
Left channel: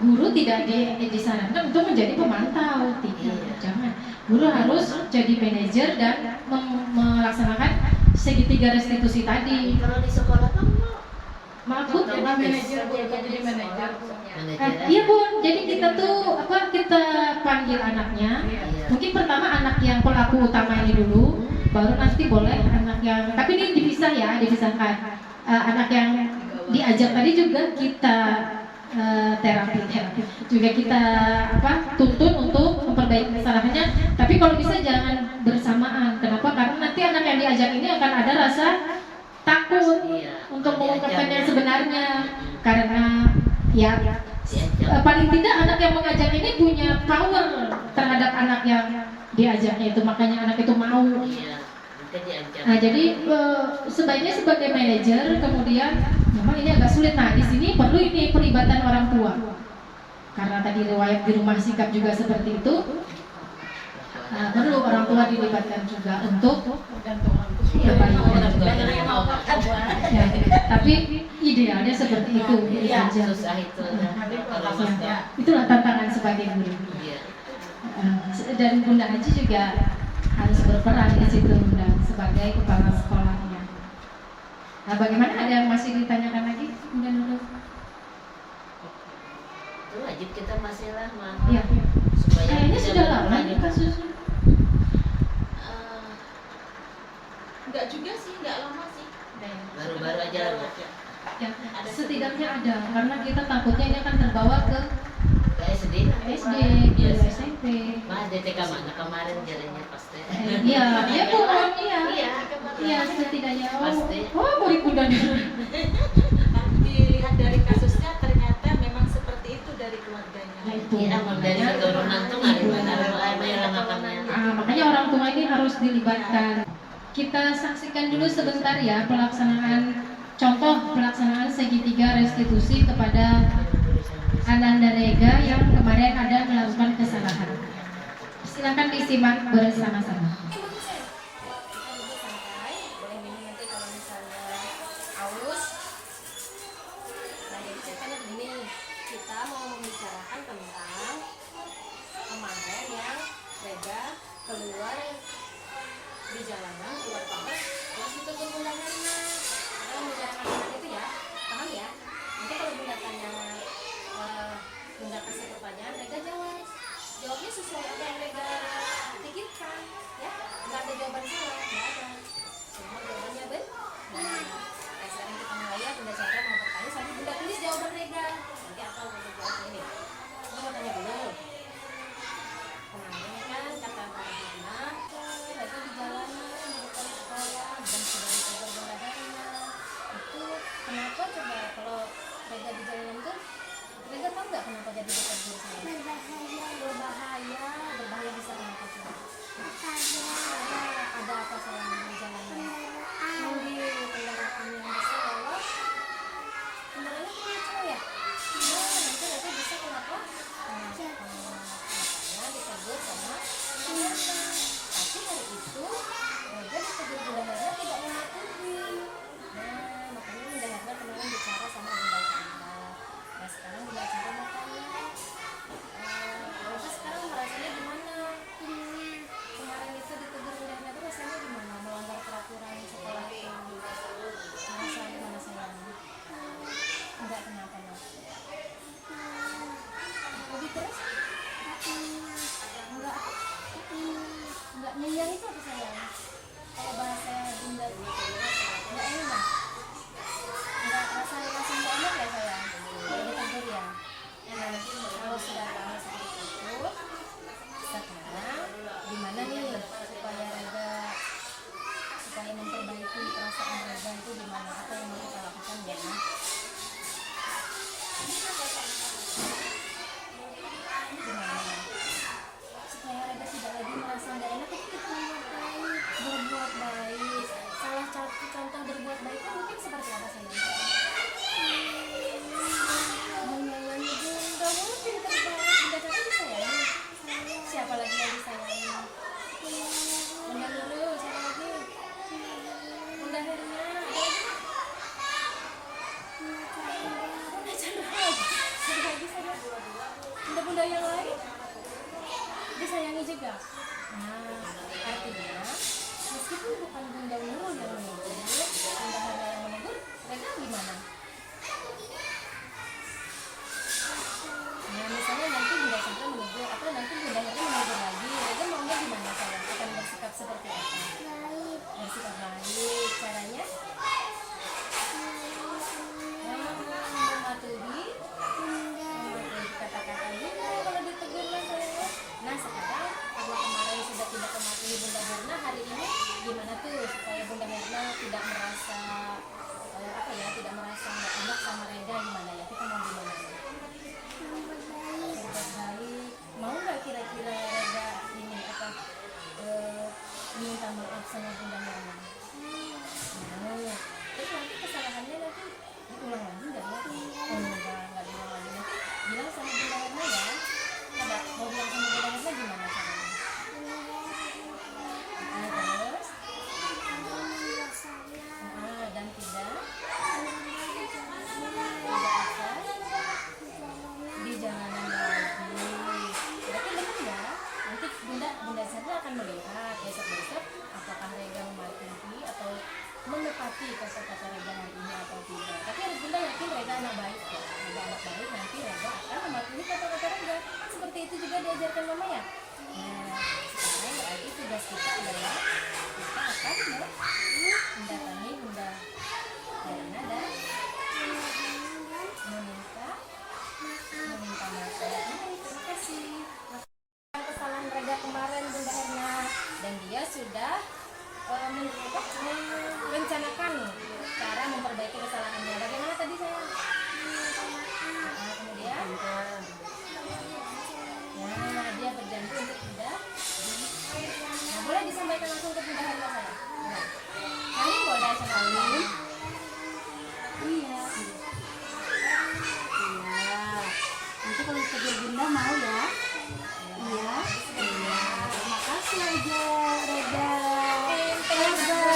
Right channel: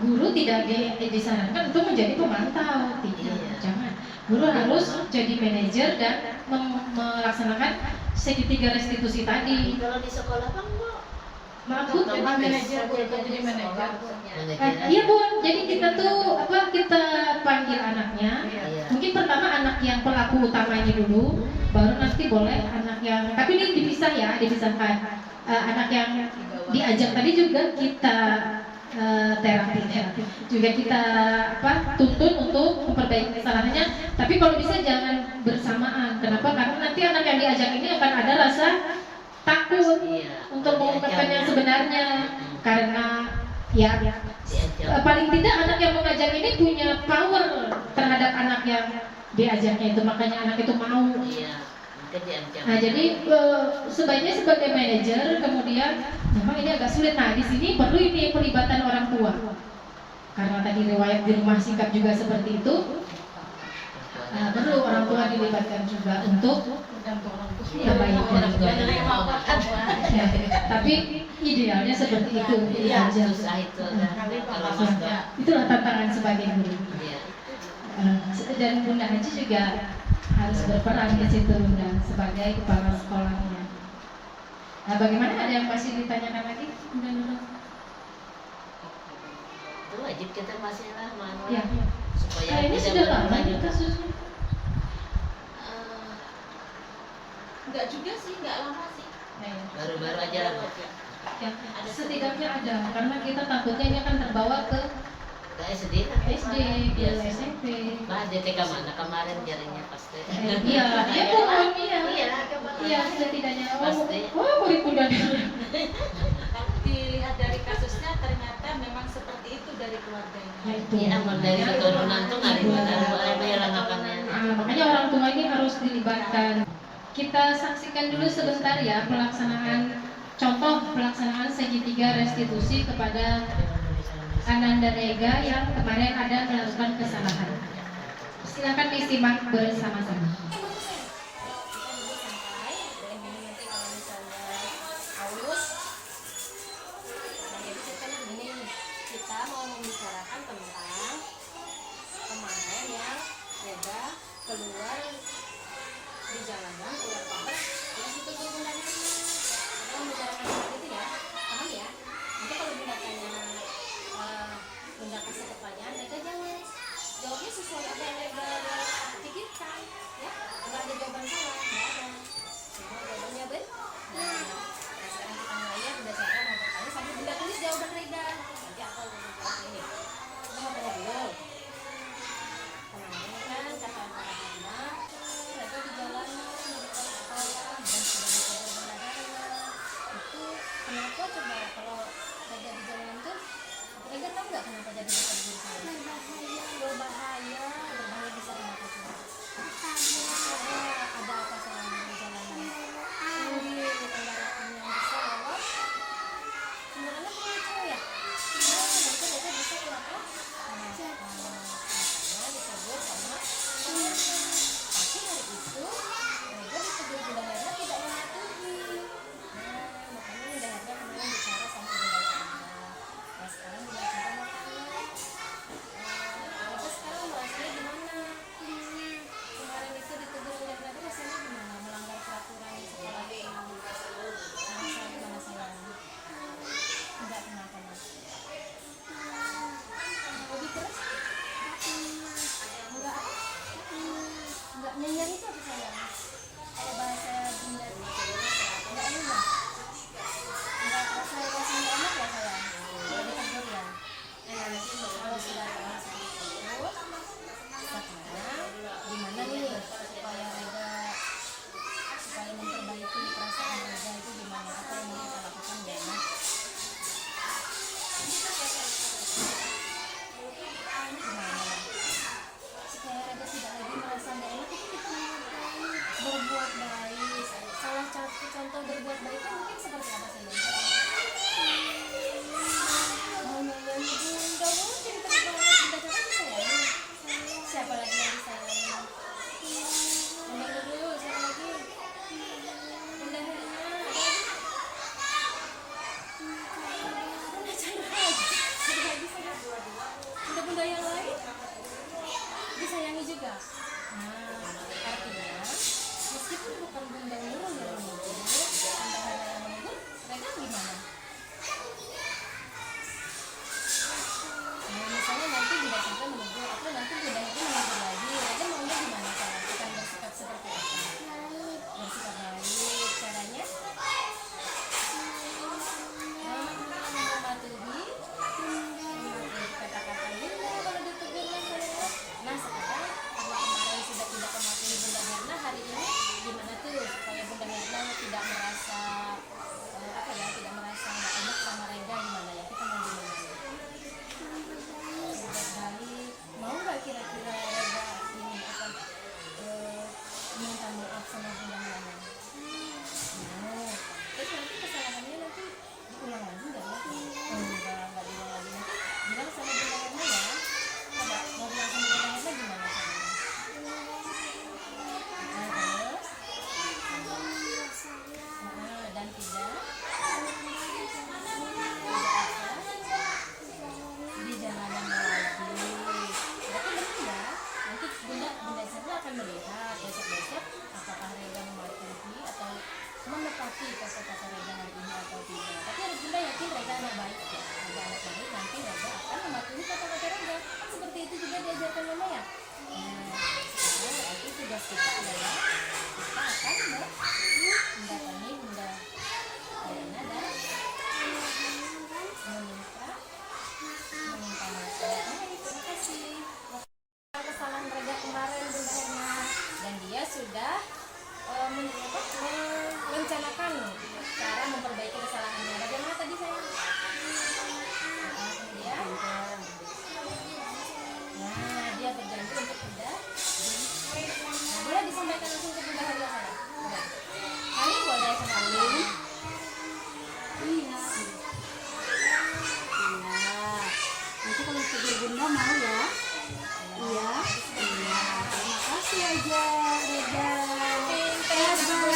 guru tidak disarankan untuk menjadi pemantau, tidak, jangan. Guru harus jadi manajer dan melaksanakan segitiga restitusi tadi. Kalau di sekolah kan Maksud jadi manajer, jadi manajer. manajer. Iya bun, jadi kita tuh kita panggil anaknya. Iya. Mungkin pertama anak yang pelaku utama ini dulu, baru nanti boleh anak yang. Tapi ini dipisah ya, dipisahkan. Anak yang diajak tadi juga kita terapi juga kita tuntun untuk memperbaiki kesalahannya, tapi kalau bisa jangan bersamaan. Kenapa? Karena nanti anak yang diajak ini akan ada rasa takut untuk mengungkapkan yang sebenarnya, karena ya paling tidak anak yang mengajak ini punya power terhadap anak yang diajaknya itu, makanya anak itu mau. Nah, jadi sebaiknya sebagai manajer, kemudian memang ini agak sulit. Nah, di sini perlu ini pelibatan orang tua. Karena tadi riwayat di rumah sikap juga seperti itu. Nah, perlu orang tua dilibatkan juga untuk ya, tapi idealnya seperti itu. Susah itu. Itulah tantangan sebagai guru. Dan Bunda Haji juga harus berperan di situ, Bunda, sebagai kepala sekolahnya. Nah, bagaimana, ada yang masih ditanyakan lagi? Bunda Nurul? Itu wajib kita masih lama. Iya. Supaya Kayaknya bisa sudah lama berlanjut. kasusnya. Enggak juga sih, enggak lama sih. Baru-baru aja. Ya, setidaknya ada, karena kita takutnya ini akan terbawa ke Ke SD kan? SD, ke SMP. Bah, DTK mana kemarin jalannya pasti. Iya, iya Bu, iya. Iya. Iya, setidaknya. Pasti. Murid Bunda Nurul. Dilihat dari kasusnya ternyata memang seperti itu dari keluarganya. Iya, emang dari keturunan tuh nggak benar mulai melangakannya. Makanya orang tua ini harus dilibatkan. Kita saksikan dulu sebentar ya contoh pelaksanaan segitiga restitusi kepada Ananda Rega yang kemarin ada melakukan kesalahan. Silakan disimak bersama-sama. Boleh minum nanti kalau misalnya haus. Nah, jadi ceritanya begini, kita mau membicarakan tentang kemarin yang Rega keluar di jalanan, keluar kamar, terus ditegur Bunda Herna. Kita membicarakan tentang itu ya, paham ya? Nanti kalau Bunda tanya, Bunda kasih pertanyaan, Rega jawabnya sesuai apa yang Rega pikirkan, ya. Nggak ada jawaban salah, nggak ada. Semua jawabannya benar. Nah, sekarang kita mulai ya. Bunda Chandra mau bertanya sambil Bunda tulis jawaban Rega. Nanti apa Bunda jawab ini? Bunda mau tanya dulu. Kemarin kan kata Bunda Herna, Rega di jalanan di depan sekolah dan sudah ditegur Bunda Herna. Itu kenapa coba kalau Rega di jalanan tuh? Rega tahu nggak kenapa jadi ditegur sama? Berbahaya bisa kenapa coba? Ada apa sayang di jalanan? Mobil kendaraan yang besar lewat. Kendaraannya kencang ya? Nah, nanti Rega bisa kenapa? Makanya ditegur sama Bunda Herna. Tapi hari itu Rega ditegur Bunda Herna tidak mematuhi. Nah, makanya Bunda Herna kemarin bicara sama Bunda Chandra. Nah, sekarang Bunda Chandra mau tanya, Rega sekarang merasanya gimana? Kemarin itu ditegur Bunda Herna itu rasanya gimana? Melanggar peraturan sekolah itu merasa gimana sayang? Enggak, kenapa Mas? Lebih terus? Enggak apa? Enggak nyenyak itu apa sayang? Kalau bahasa Bunda enggak enak? Enggak rasa enggak enak ya sayang? Kalau ditegur ya? Kalau sudah tahu seperti itu, sekarang gimana nih supaya Rega, supaya memperbaiki perasaan Rega itu gimana? Apa yang mau kita lakukan ya? Gimana? Supaya Rega tidak lagi merasa nggak enak, itu kita berbuat baik. Salah satu contoh berbuat baik itu mungkin seperti apa sayang? Menyayangi Bunda, pintar banget. Bunda Chandra disayangi. Siapa lagi yang disayangi? Bunda Nurul, siapa lagi? Bunda Herna, ada lagi nggak? Bunda Chandra lagi. Ada lagi sayang? Bunda-bunda yang lain disayangi juga. Nah, artinya meskipun bukan Bunda Nurul yang menegur, Bunda Herna yang menegur, Rega gimana? Nah, misalnya nanti Bunda Chandra menegur atau nanti Bunda Herna menegur lagi, Rega maunya gimana sayang? Akan bersikap seperti apa? Bersikap baik, caranya? Mematuhi Nanti kalau ditegur bunda mau ya? Iya. Iya. Terima kasih aja, Reda. Bye-bye.